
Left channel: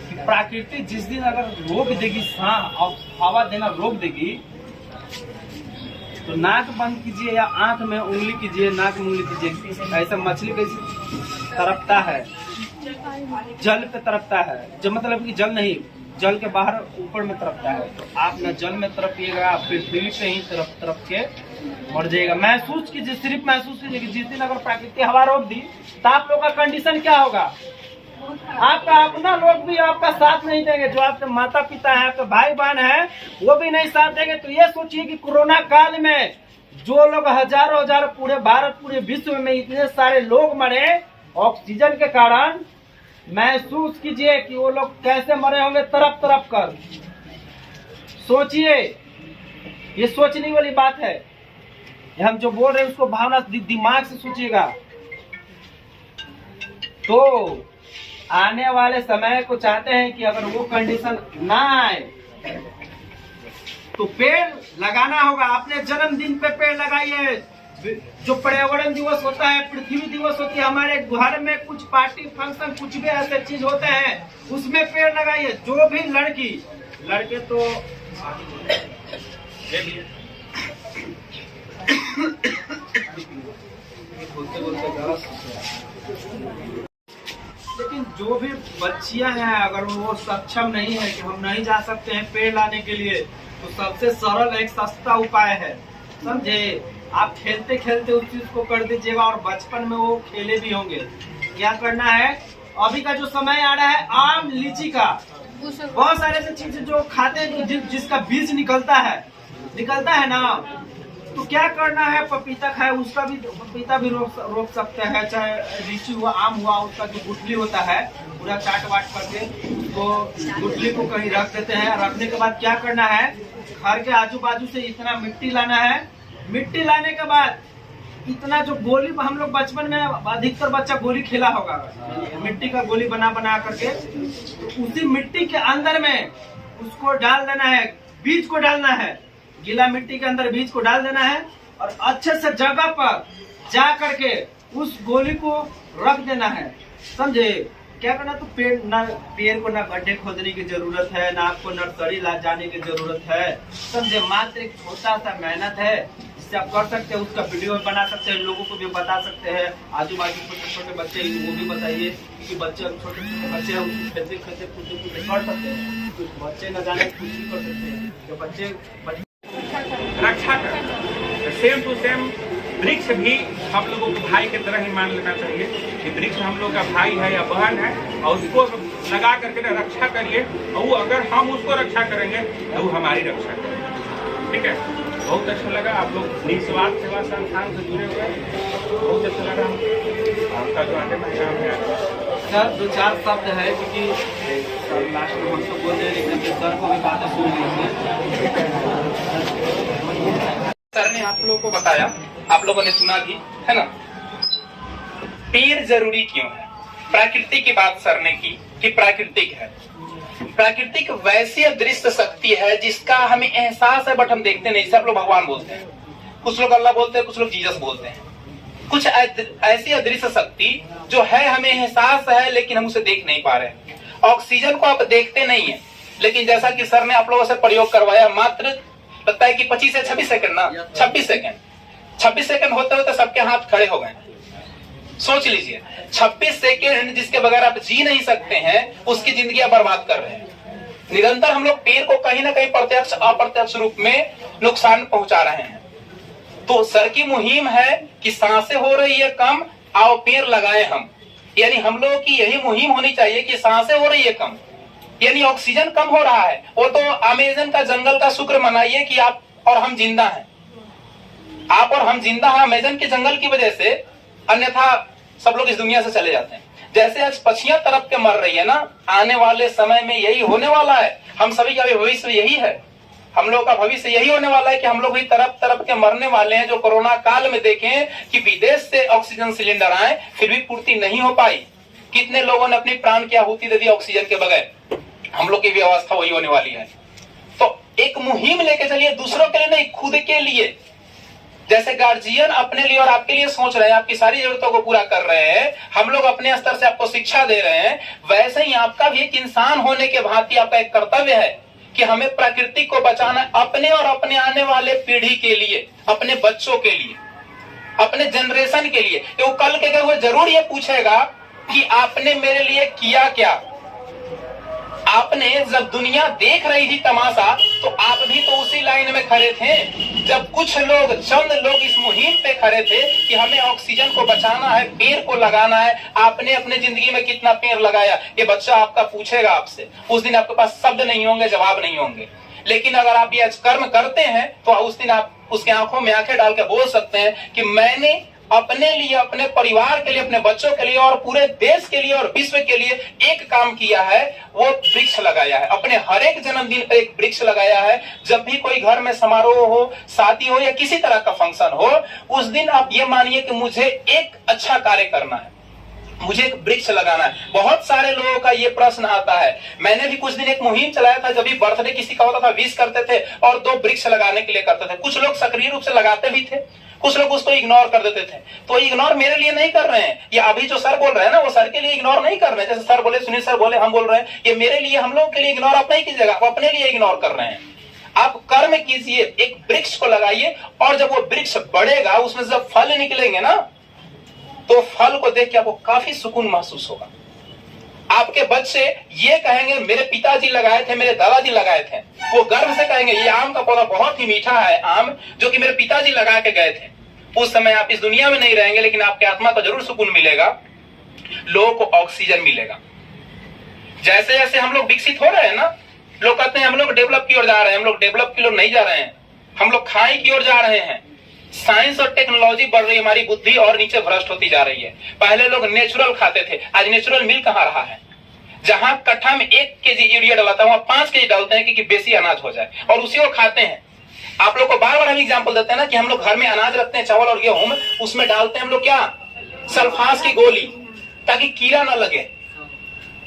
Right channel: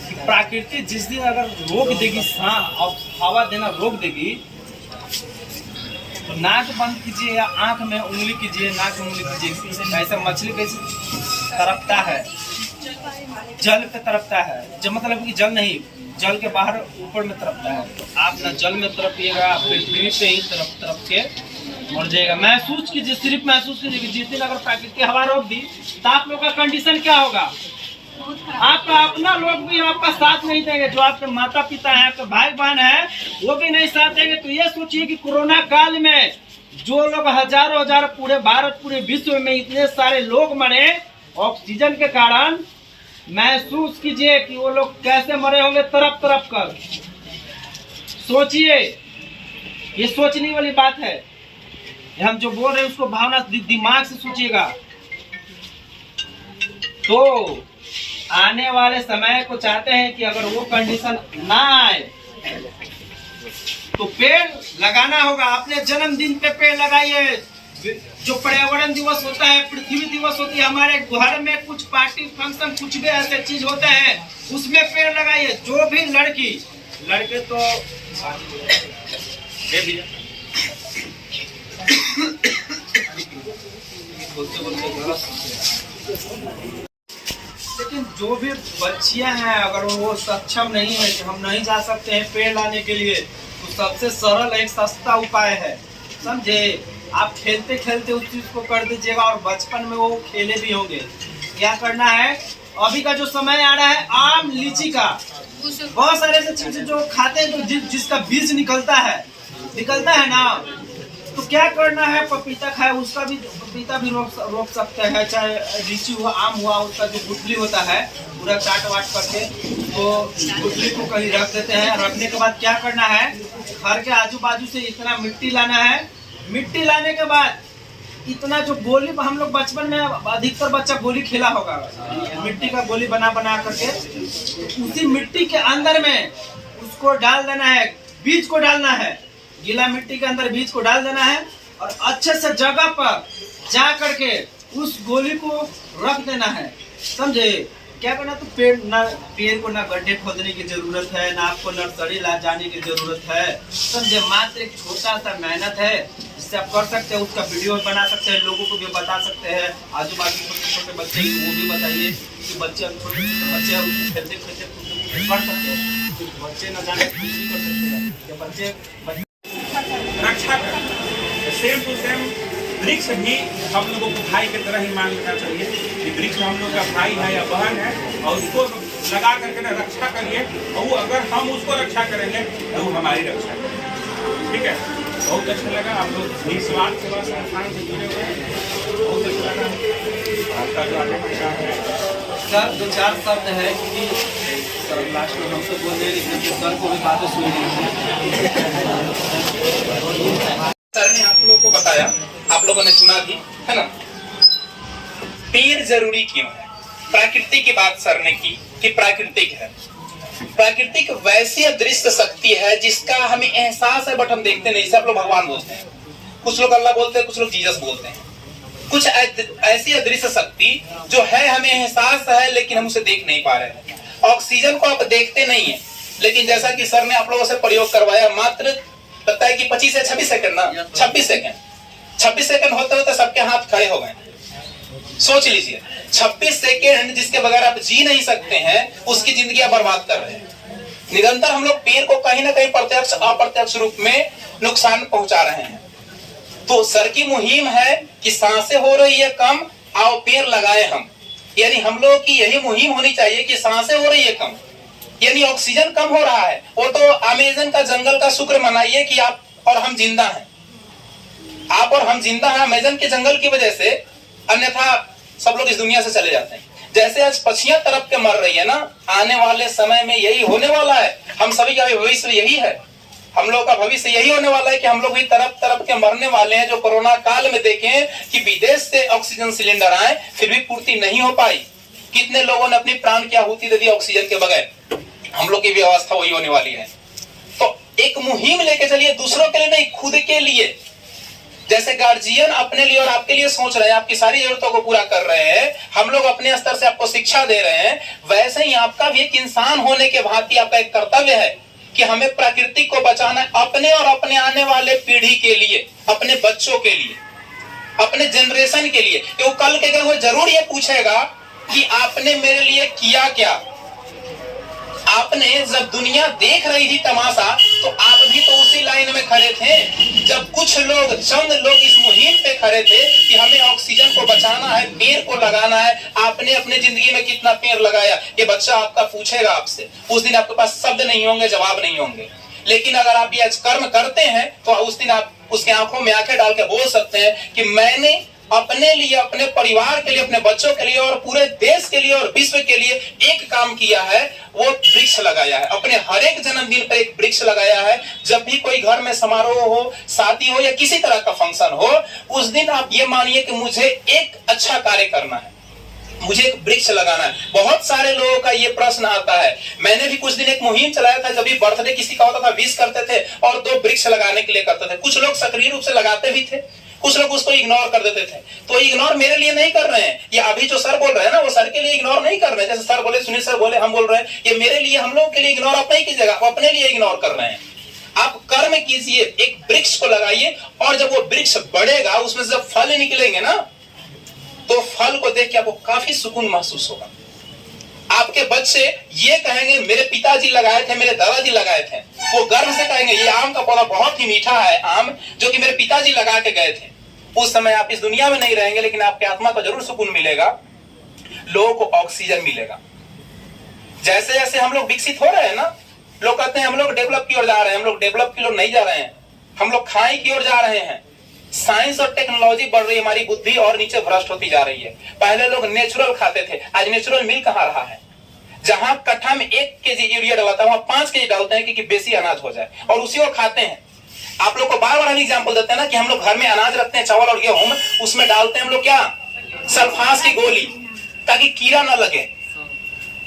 कि प्रकृति जिस दिन अगर रोक देगी सांस और हवा देना रोक देगी, तो नाक बंद कीजिए या आंख में उंगली कीजिए, नाक में उंगली कीजिए, ऐसा मछली कैसे तड़पता है, जल पे तड़पता है, जब मतलब कि जल नहीं, जल के बाहर ऊपर में तड़पता है। तो आप ना जल में तड़पिएगा, पृथ्वी पे ही तड़प के मर जाएगा। महसूस कीजिए, सिर्फ महसूस कीजिए कि जिस दिन अगर प्राकृतिक हवा रोक दी तो आप लोग का कंडीशन क्या होगा। आपका अपना लोग भी आपका साथ नहीं देंगे, जो आपके माता पिता है, आपके भाई बहन है, वो भी नहीं साथ देंगे। तो ये सोचिए कि कोरोना काल में जो लोग हजारों हजार पूरे भारत पूरे विश्व में इतने सारे लोग मरे ऑक्सीजन के कारण, महसूस कीजिए कि वो लोग कैसे मरे होंगे, तरफ तरफ कर सोचिए। ये सोचने वाली बात है, हम जो बोल रहे हैं उसको भावना दिमाग से सोचिएगा। तो आने वाले समय को चाहते हैं कि अगर वो कंडीशन ना आए तो पेड़ लगाना होगा। अपने जन्मदिन पे पेड़ लगाइए। जो पर्यावरण दिवस होता है, पृथ्वी दिवस होती है, हमारे घर में कुछ पार्टी फंक्शन कुछ भी ऐसे चीज होते हैं, उसमें पेड़ लगाइए। जो भी लड़की लड़के तो लेकिन जो भी बच्चियां हैं, अगर वो सक्षम नहीं है कि हम नहीं जा सकते हैं पेड़ लाने के लिए, तो सबसे सरल एक सस्ता उपाय है, समझे। आप खेलते खेलते उस चीज को कर दीजिएगा और बचपन में वो खेले भी होंगे। क्या करना है, अभी का जो समय आ रहा है आम लीची का, बहुत सारे ऐसे चीजें जो खाते हैं तो जिसका बीज निकलता है ना, तो क्या करना है, पपीता खाए उसका भी, पपीता भी रोक सकते हैं, चाहे लीची हुआ, आम हुआ, उसका जो गुठली होता है पूरा चाट वाट करके, तो गुठली को कहीं रख देते हैं। रखने के बाद क्या करना है, घर के आजू बाजू से इतना मिट्टी लाना है। मिट्टी लाने के बाद इतना जो गोली, हम लोग बचपन में अधिकतर बच्चा गोली खेला होगा, मिट्टी का गोली बना बना करके, तो उसी मिट्टी के अंदर में उसको डाल देना है, बीज को डालना है, गीला मिट्टी के अंदर बीज को डाल देना है और अच्छे से जगह पर जा करके उस गोली को रख देना है, समझे। क्या करना, तो पेड़ को ना गड्ढे खोदने की जरूरत है, ना आपको नर्सरी ला जाने की जरूरत है, समझे। मात्र एक छोटा सा मेहनत है जिससे आप कर सकते हैं, उसका वीडियो बना सकते हैं, लोगों को भी बता सकते हैं, आजू बाजू छोटे छोटे बच्चे वो भी बताइए कि बच्चे छोटे बच्चे खेलते खेलते कर सकते हैं, बच्चे न जाने कुछ भी कर सकते हैं, जो बच्चे रक्षा कर। सेम टू सेम वृक्ष भी हम लोगों को भाई की तरह ही मान लेना चाहिए कि वृक्ष हम लोग का भाई है या बहन है, और उसको लगा करके ना रक्षा करिए, और वो अगर हम उसको रक्षा करेंगे तो वो हमारी रक्षा करेंगे। ठीक है, बहुत अच्छा लगा, आप लोग निस्वार्थ सेवा संस्थान से जुड़े हुए हैं, बहुत अच्छा लगा। आपका जो आगे का काम है सर, दो चार शब्द है कि सर लास्ट में हम तो बोल रहे हैं, लेकिन सर को भी बातें सुन सर ने आप लोगों को बताया, आप लोगों ने सुना भी है ना। पेड़ जरूरी क्यों है, प्रकृति की बात सर ने की कि प्राकृतिक है। प्राकृतिक वैसी अदृश्य शक्ति है जिसका हमें एहसास है बट हम देखते नहीं। सब लोग भगवान बोलते हैं, कुछ लोग अल्लाह बोलते हैं, कुछ लोग जीसस बोलते हैं। कुछ ऐसी अदृश्य शक्ति जो है, हमें एहसास है लेकिन हम उसे देख नहीं पा रहे हैं। ऑक्सीजन को आप देखते नहीं है, लेकिन जैसा कि सर ने आप लोगों से प्रयोग करवाया, मात्र लगता है कि 25 से 26 सेकंड ना, 26 सेकंड होते होते सबके हाथ खड़े हो गए। सोच लीजिए, 26 सेकंड जिसके बगैर आप जी नहीं सकते हैं, उसकी जिंदगी आप बर्बाद कर रहे हैं। निरंतर हम लोग पेड़ को कहीं ना कहीं प्रत्यक्ष अप्रत्यक्ष रूप में नुकसान पहुंचा रहे हैं। तो सर की मुहिम है कि सांसें हो रही है कम, आओ पेड़ लगाए हम। यानी हम लोगों की यही मुहिम होनी चाहिए कि सांसें हो रही है कम, यानी ऑक्सीजन कम हो रहा है। वो तो अमेज़न का जंगल का शुक्र मनाइए कि आप और हम जिंदा हैं। आप और हम जिंदा हैं अमेज़न के जंगल की वजह से, अन्यथा सब लोग इस दुनिया से चले जाते हैं। जैसे आज पक्षियां तरफ के मर रही है ना, आने वाले समय में यही होने वाला है। हम सभी का भविष्य यही है, हम लोग का भविष्य यही होने वाला है कि हम लोग भी तरफ तरफ के मरने वाले हैं। जो कोरोना काल में देखें कि विदेश से ऑक्सीजन सिलेंडर आए फिर भी पूर्ति नहीं हो पाई, कितने लोगों ने अपनी प्राण की आहुति दे दी ऑक्सीजन के बगैर। हम लोग की भी अवस्था वही होने वाली है। तो एक मुहिम लेके चलिए, दूसरों के लिए नहीं, खुद के लिए। जैसे गार्जियन अपने लिए और आपके लिए सोच रहे हैं, आपकी सारी जरूरतों को पूरा कर रहे हैं, हम लोग अपने स्तर से आपको शिक्षा दे रहे हैं, वैसे ही आपका भी एक इंसान होने के भांति आपका एक कर्तव्य है कि हमें प्रकृति को बचाना है, अपने और अपने आने वाले पीढ़ी के लिए, अपने बच्चों के लिए, अपने जनरेशन के लिए। तो कल के वो जरूर ये पूछेगा कि आपने मेरे लिए किया क्या। आपने जब दुनिया देख रही थी तमाशा, तो आप भी तो उसी लाइन में खड़े थे। जब कुछ लोग, चंद लोग इस मुहिम पे खड़े थे कि हमें ऑक्सीजन को बचाना है, पेड़ को लगाना है, आपने अपनी जिंदगी में कितना पेड़ लगाया, ये बच्चा आपका पूछेगा आपसे। उस दिन आपके पास शब्द नहीं होंगे, जवाब नहीं होंगे। लेकिन अगर आप ये कर्म करते हैं तो उस दिन आप उसके आंखों में आंखें डाल के बोल सकते हैं कि मैंने अपने लिए, अपने परिवार के लिए, अपने बच्चों के लिए और पूरे देश के लिए और विश्व के लिए एक काम किया है, वो वृक्ष लगाया है। अपने हर एक जन्मदिन पर एक वृक्ष लगाया है। जब भी कोई घर में समारोह हो, शादी हो या किसी तरह का फंक्शन हो, उस दिन आप ये मानिए कि मुझे एक अच्छा कार्य करना है, मुझे एक वृक्ष लगाना है। बहुत सारे लोगों का ये प्रश्न आता है। मैंने भी कुछ दिन एक मुहिम चलाया था, जब भी बर्थडे किसी का होता था विश करते थे और 2 वृक्ष लगाने के लिए करते थे। कुछ लोग सक्रिय रूप से लगाते भी थे, कुछ लोग उसको इग्नोर कर देते थे। तो इग्नोर मेरे लिए नहीं कर रहे हैं, ये अभी जो सर बोल रहे हैं ना, वो सर के लिए इग्नोर नहीं कर रहे हैं। जैसे सर बोले, सुनील सर बोले, हम बोल रहे हैं, ये मेरे लिए, हम लोग के लिए इग्नोर आप नहीं कीजिएगा, आप अपने लिए इग्नोर कर रहे हैं। आप कर्म कीजिए, एक वृक्ष को लगाइए, और जब वो वृक्ष बढ़ेगा, उसमें से जब फल निकलेंगे ना, तो फल को देख के आपको काफी सुकून महसूस होगा। आपके बच्चे ये कहेंगे मेरे पिताजी लगाए थे, मेरे दादाजी लगाए थे। वो गर्व से कहेंगे ये आम का पौधा बहुत ही मीठा है, आम जो कि मेरे पिताजी लगा के गए थे। उस समय आप इस दुनिया में नहीं रहेंगे, लेकिन आपके आत्मा को जरूर सुकून मिलेगा, लोगों को ऑक्सीजन मिलेगा। जैसे जैसे हम लोग विकसित हो रहे हैं ना, लोग कहते हैं हम लोग डेवलप की ओर जा रहे हैं। हम लोग डेवलप की ओर नहीं जा रहे हैं, हम लोग खाई की ओर जा रहे हैं। साइंस और टेक्नोलॉजी बढ़ रही है, हमारी बुद्धि और नीचे भ्रष्ट होती जा रही है। पहले लोग नेचुरल खाते थे, आज नेचुरल मिल कहां रहा है। जहां कट्ठा में 1 केजी यूरिया डालता है, वहां 5 केजी डालते हैं कि बेसी अनाज हो जाए, और उसी को खाते हैं। आप लोग को बार बार हम एग्जाम्पल देते हैं ना कि हम लोग घर में अनाज रखते हैं, चावल और गेहूं, उसमें डालते हैं हम लोग क्या, सल्फास की गोली, ताकि कीड़ा ना लगे।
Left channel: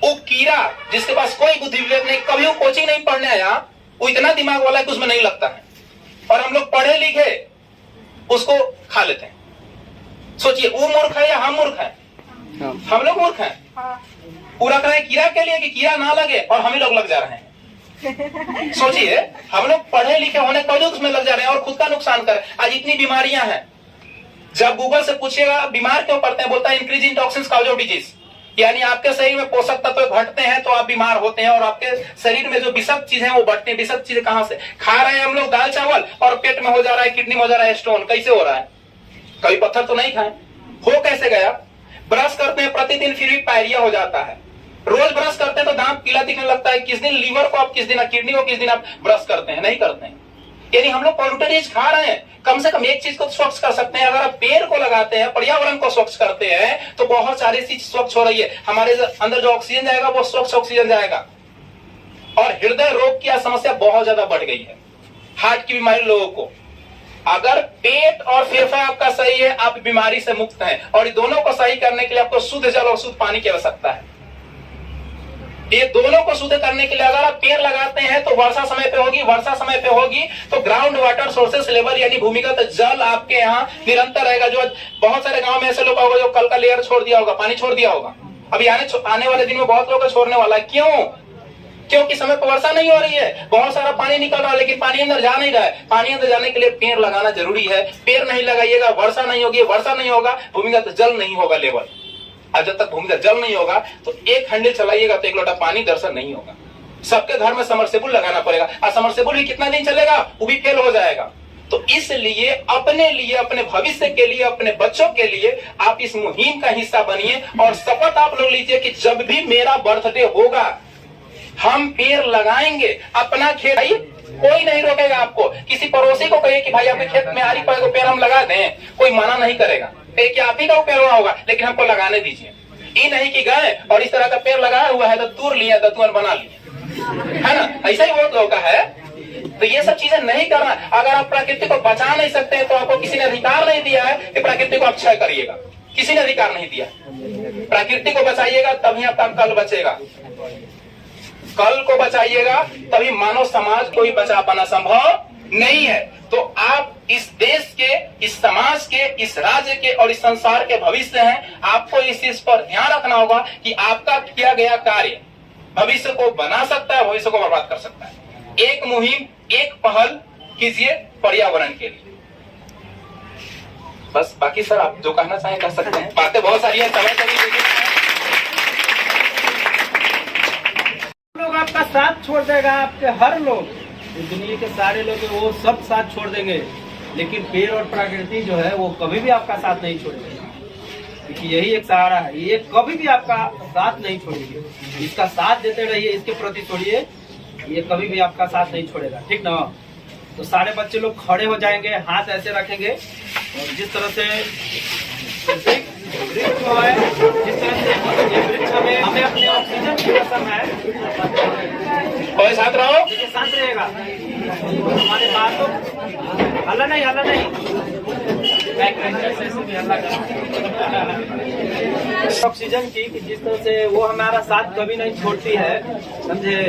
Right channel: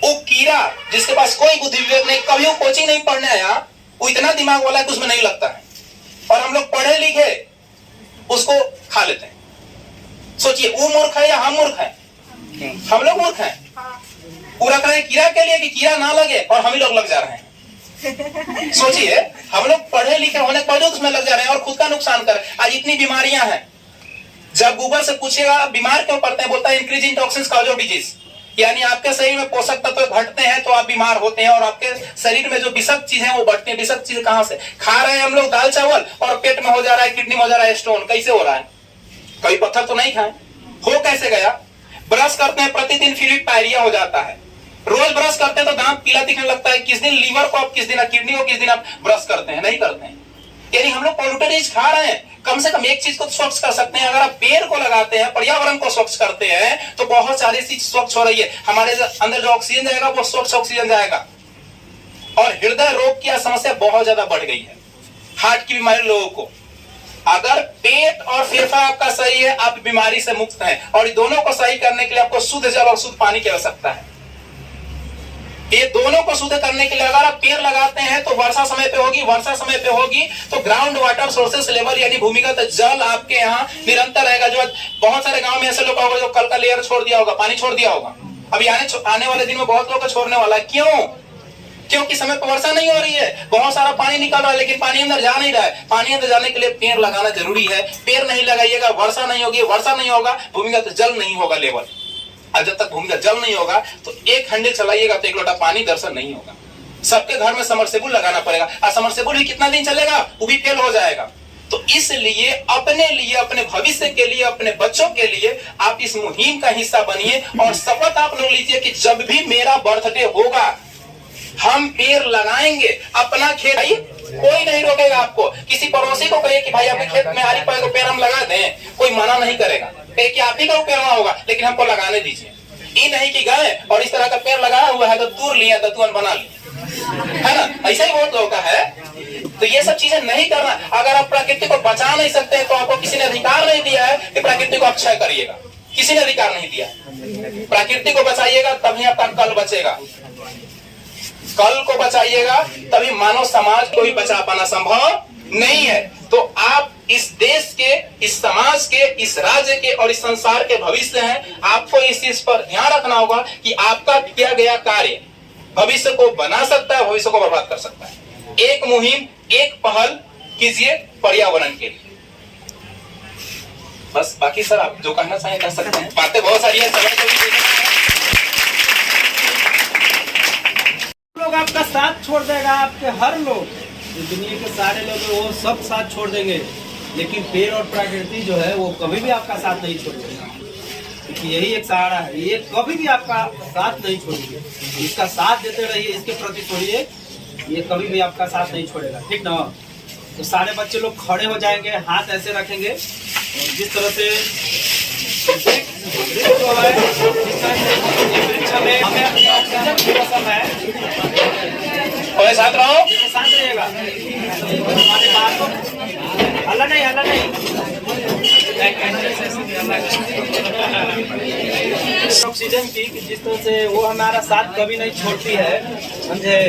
वो कीड़ा जिसके पास कोई बुद्धि विवेक नहीं, कभी वो कोचिंग नहीं पढ़ने आया, वो इतना दिमाग वाला है कि उसमें नहीं लगता है, और हम लोग पढ़े लिखे उसको खा लेते हैं। सोचिए वो मूर्ख है या हम मूर्ख हैं? हम लोग मूर्ख हैं। पूरा रख रहे हैं कीड़ा के लिए कि कीड़ा ना लगे, और हम ही लोग लग जा रहे हैं। सोचिए, हम लोग पढ़े लिखे होने के बावजूद उसमें लग जा रहे हैं और खुद का नुकसान कर। आज इतनी बीमारियां हैं, जब गूगल से पूछिएगा बीमार क्यों पड़ते हैं, बोलता है increase in toxins cause of disease, यानी आपके शरीर में पोषक तत्व घटते हैं तो आप बीमार होते हैं, और आपके शरीर में जो विषाक्त चीजें हैं वो बढ़ती हैं। विषाक्त चीजें कहां से खा रहे हैं हम लोग? दाल चावल, और पेट में हो जा रहा है, किडनी में हो जा रहा है स्टोन। कैसे हो रहा है? कभी पत्थर तो नहीं खाए, हो कैसे गया? ब्रश करते हैं प्रतिदिन, फिर भी पायरिया हो जाता है। रोज ब्रश करते हैं तो दांत पीला दिखने लगता है। किस दिन लीवर को आप, किस दिन किडनी को, किस दिन आप ब्रश करते हैं? नहीं करते हैं। यानी हम लोग पॉल्यूटेड चीज खा रहे हैं। कम से कम एक चीज को तो स्वच्छ कर सकते हैं। अगर आप पेड़ को लगाते हैं, पर्यावरण को स्वच्छ करते हैं, तो बहुत सारी चीज स्वच्छ हो रही है। हमारे अंदर जो ऑक्सीजन जाएगा वो स्वच्छ ऑक्सीजन जाएगा। और हृदय रोग की समस्या बहुत ज्यादा बढ़ गई है, हार्ट की बीमारी लोगों को। अगर पेट और फेफड़ा आपका सही है, आप बीमारी से मुक्त हैं। और दोनों को सही करने के लिए आपको शुद्ध जल और शुद्ध पानी की आवश्यकता है। ये दोनों को शुद्ध करने के लिए अगर आप पेड़ लगाते हैं तो वर्षा समय पे होगी, वर्षा समय पे होगी तो ग्राउंड वाटर सोर्सेस लेवल यानी भूमिगत जल आपके यहाँ निरंतर रहेगा। जो बहुत सारे गांव में ऐसे लोग होगा जो कल का लेयर छोड़ दिया होगा, पानी छोड़ दिया होगा। अभी आने वाले दिन में बहुत लोग छोड़ने वाला है। क्यों? क्योंकि समय पर वर्षा नहीं हो रही है, बहुत सारा पानी निकल रहा है, लेकिन पानी अंदर जा नहीं रहा है। पानी अंदर जाने के लिए पेड़ लगाना जरूरी है। पेड़ नहीं लगाइएगा, वर्षा नहीं होगी, वर्षा नहीं होगा, भूमिगत जल नहीं होगा लेवल। और जब तक भूमिगत जल नहीं होगा तो एक हंडे चलाइएगा तो 1 लोटा पानी दर्शन नहीं होगा। सबके घर में समरसेबुल लगाना पड़ेगा, और समरसेबुल भी कितना दिन चलेगा, वो भी फेल हो जाएगा। तो इसलिए अपने लिए, अपने भविष्य के लिए, अपने बच्चों के लिए आप इस मुहिम का हिस्सा बनिए, और शपथ आप लोग लीजिए कि जब भी मेरा बर्थडे होगा हम पेड़ लगाएंगे। अपना खेत, कोई नहीं रोकेगा आपको। किसी पड़ोसी को कहिए कि भाई आपके खेत में आरी पेड़ हम लगा दें, कोई मना नहीं करेगा। कि आप ही का पेड़वा होगा, लेकिन हमको लगाने दीजिए। ये नहीं कि गए और इस तरह का पेड़ लगाया हुआ है तो तूर लिया दतुअन बना लिया, है ना। ऐसा ही बहुत लोगों का है। तो ये सब चीजें नहीं करना। अगर आप प्रकृति को बचा नहीं सकते हैं तो आपको किसी ने अधिकार नहीं दिया है कि प्रकृति को आप क्षय करिएगा। किसी ने अधिकार नहीं दिया। प्रकृति को बचाइएगा तभी आपका कल बचेगा। कल को बचाइएगा तभी मानव समाज को ही बचा पाना संभव नहीं है। तो आप इस देश के, इस समाज के, इस राज्य के और इस संसार के भविष्य हैं। आपको इस चीज पर ध्यान रखना होगा कि आपका किया गया कार्य भविष्य को बना सकता है, भविष्य को बर्बाद कर सकता है। एक मुहिम, एक पहल कीजिए पर्यावरण के लिए। बस बाकी सर आप जो कहना चाहें कह सकते हैं। बातें बहुत सारी हैं, समय कभी लोग आपका साथ छोड़ देगा। आपके हर लोग, जो दुनिया के सारे लोग हैं वो सब साथ छोड़ देंगे, लेकिन पेड़ और प्रकृति जो है वो कभी भी आपका साथ नहीं छोड़ेगा। क्योंकि यही एक सहारा है, ये कभी भी आपका साथ नहीं छोड़ेगी। इसका साथ देते रहिए, इसके प्रति छोड़िए, ये कभी भी आपका साथ नहीं छोड़ेगा, ठीक ना। तो सारे बच्चे लोग खड़े हो जाएंगे, हाथ ऐसे रखेंगे और जिस तरह से वृक्ष है, जिस तरह से ये वृक्ष हमें अपने ऑक्सीजन की रसम है। कोई साथ रहो, शांत रहिएगा। हमारे बातों हल्ला नहीं, हल्ला नहीं। ऑक्सीजन की जिस तरह से वो हमारा साथ कभी नहीं छोड़ती है, समझे।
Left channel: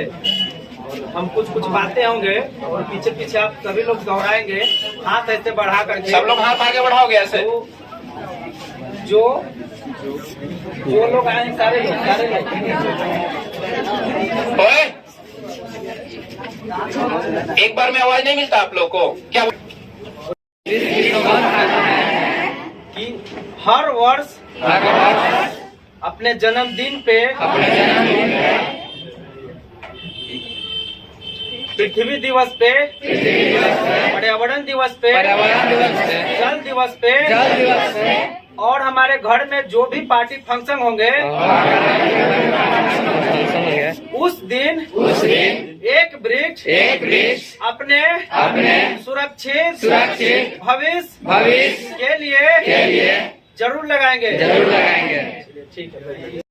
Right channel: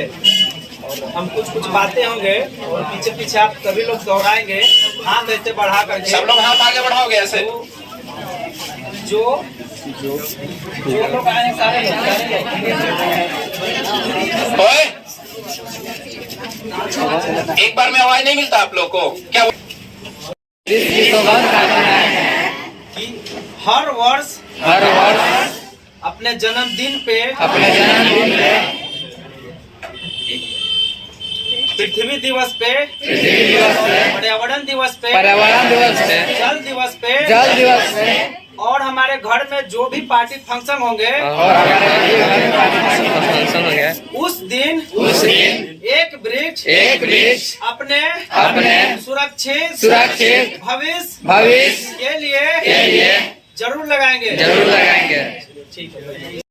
और हम कुछ बातें होंगे और पीछे पीछे आप सभी लोग दोहराएंगे, हाथ ऐसे बढ़ा करके। सब लोग हाथ आगे बढ़ाओगे ऐसे। जो लोग आए हैं सारे लोग ओए, एक बार में आवाज नहीं मिलता आप लोग को क्या? कि हर वर्ष अपने जन्मदिन पे पृथ्वी दिवस पे, पर्यावरण दिवस पे, जल दिवस पे और हमारे घर में जो भी पार्टी फंक्शन होंगे उस दिन एक वृक्ष अपने सुरक्षित भविष्य के लिए जरूर लगाएंगे। ठीक है।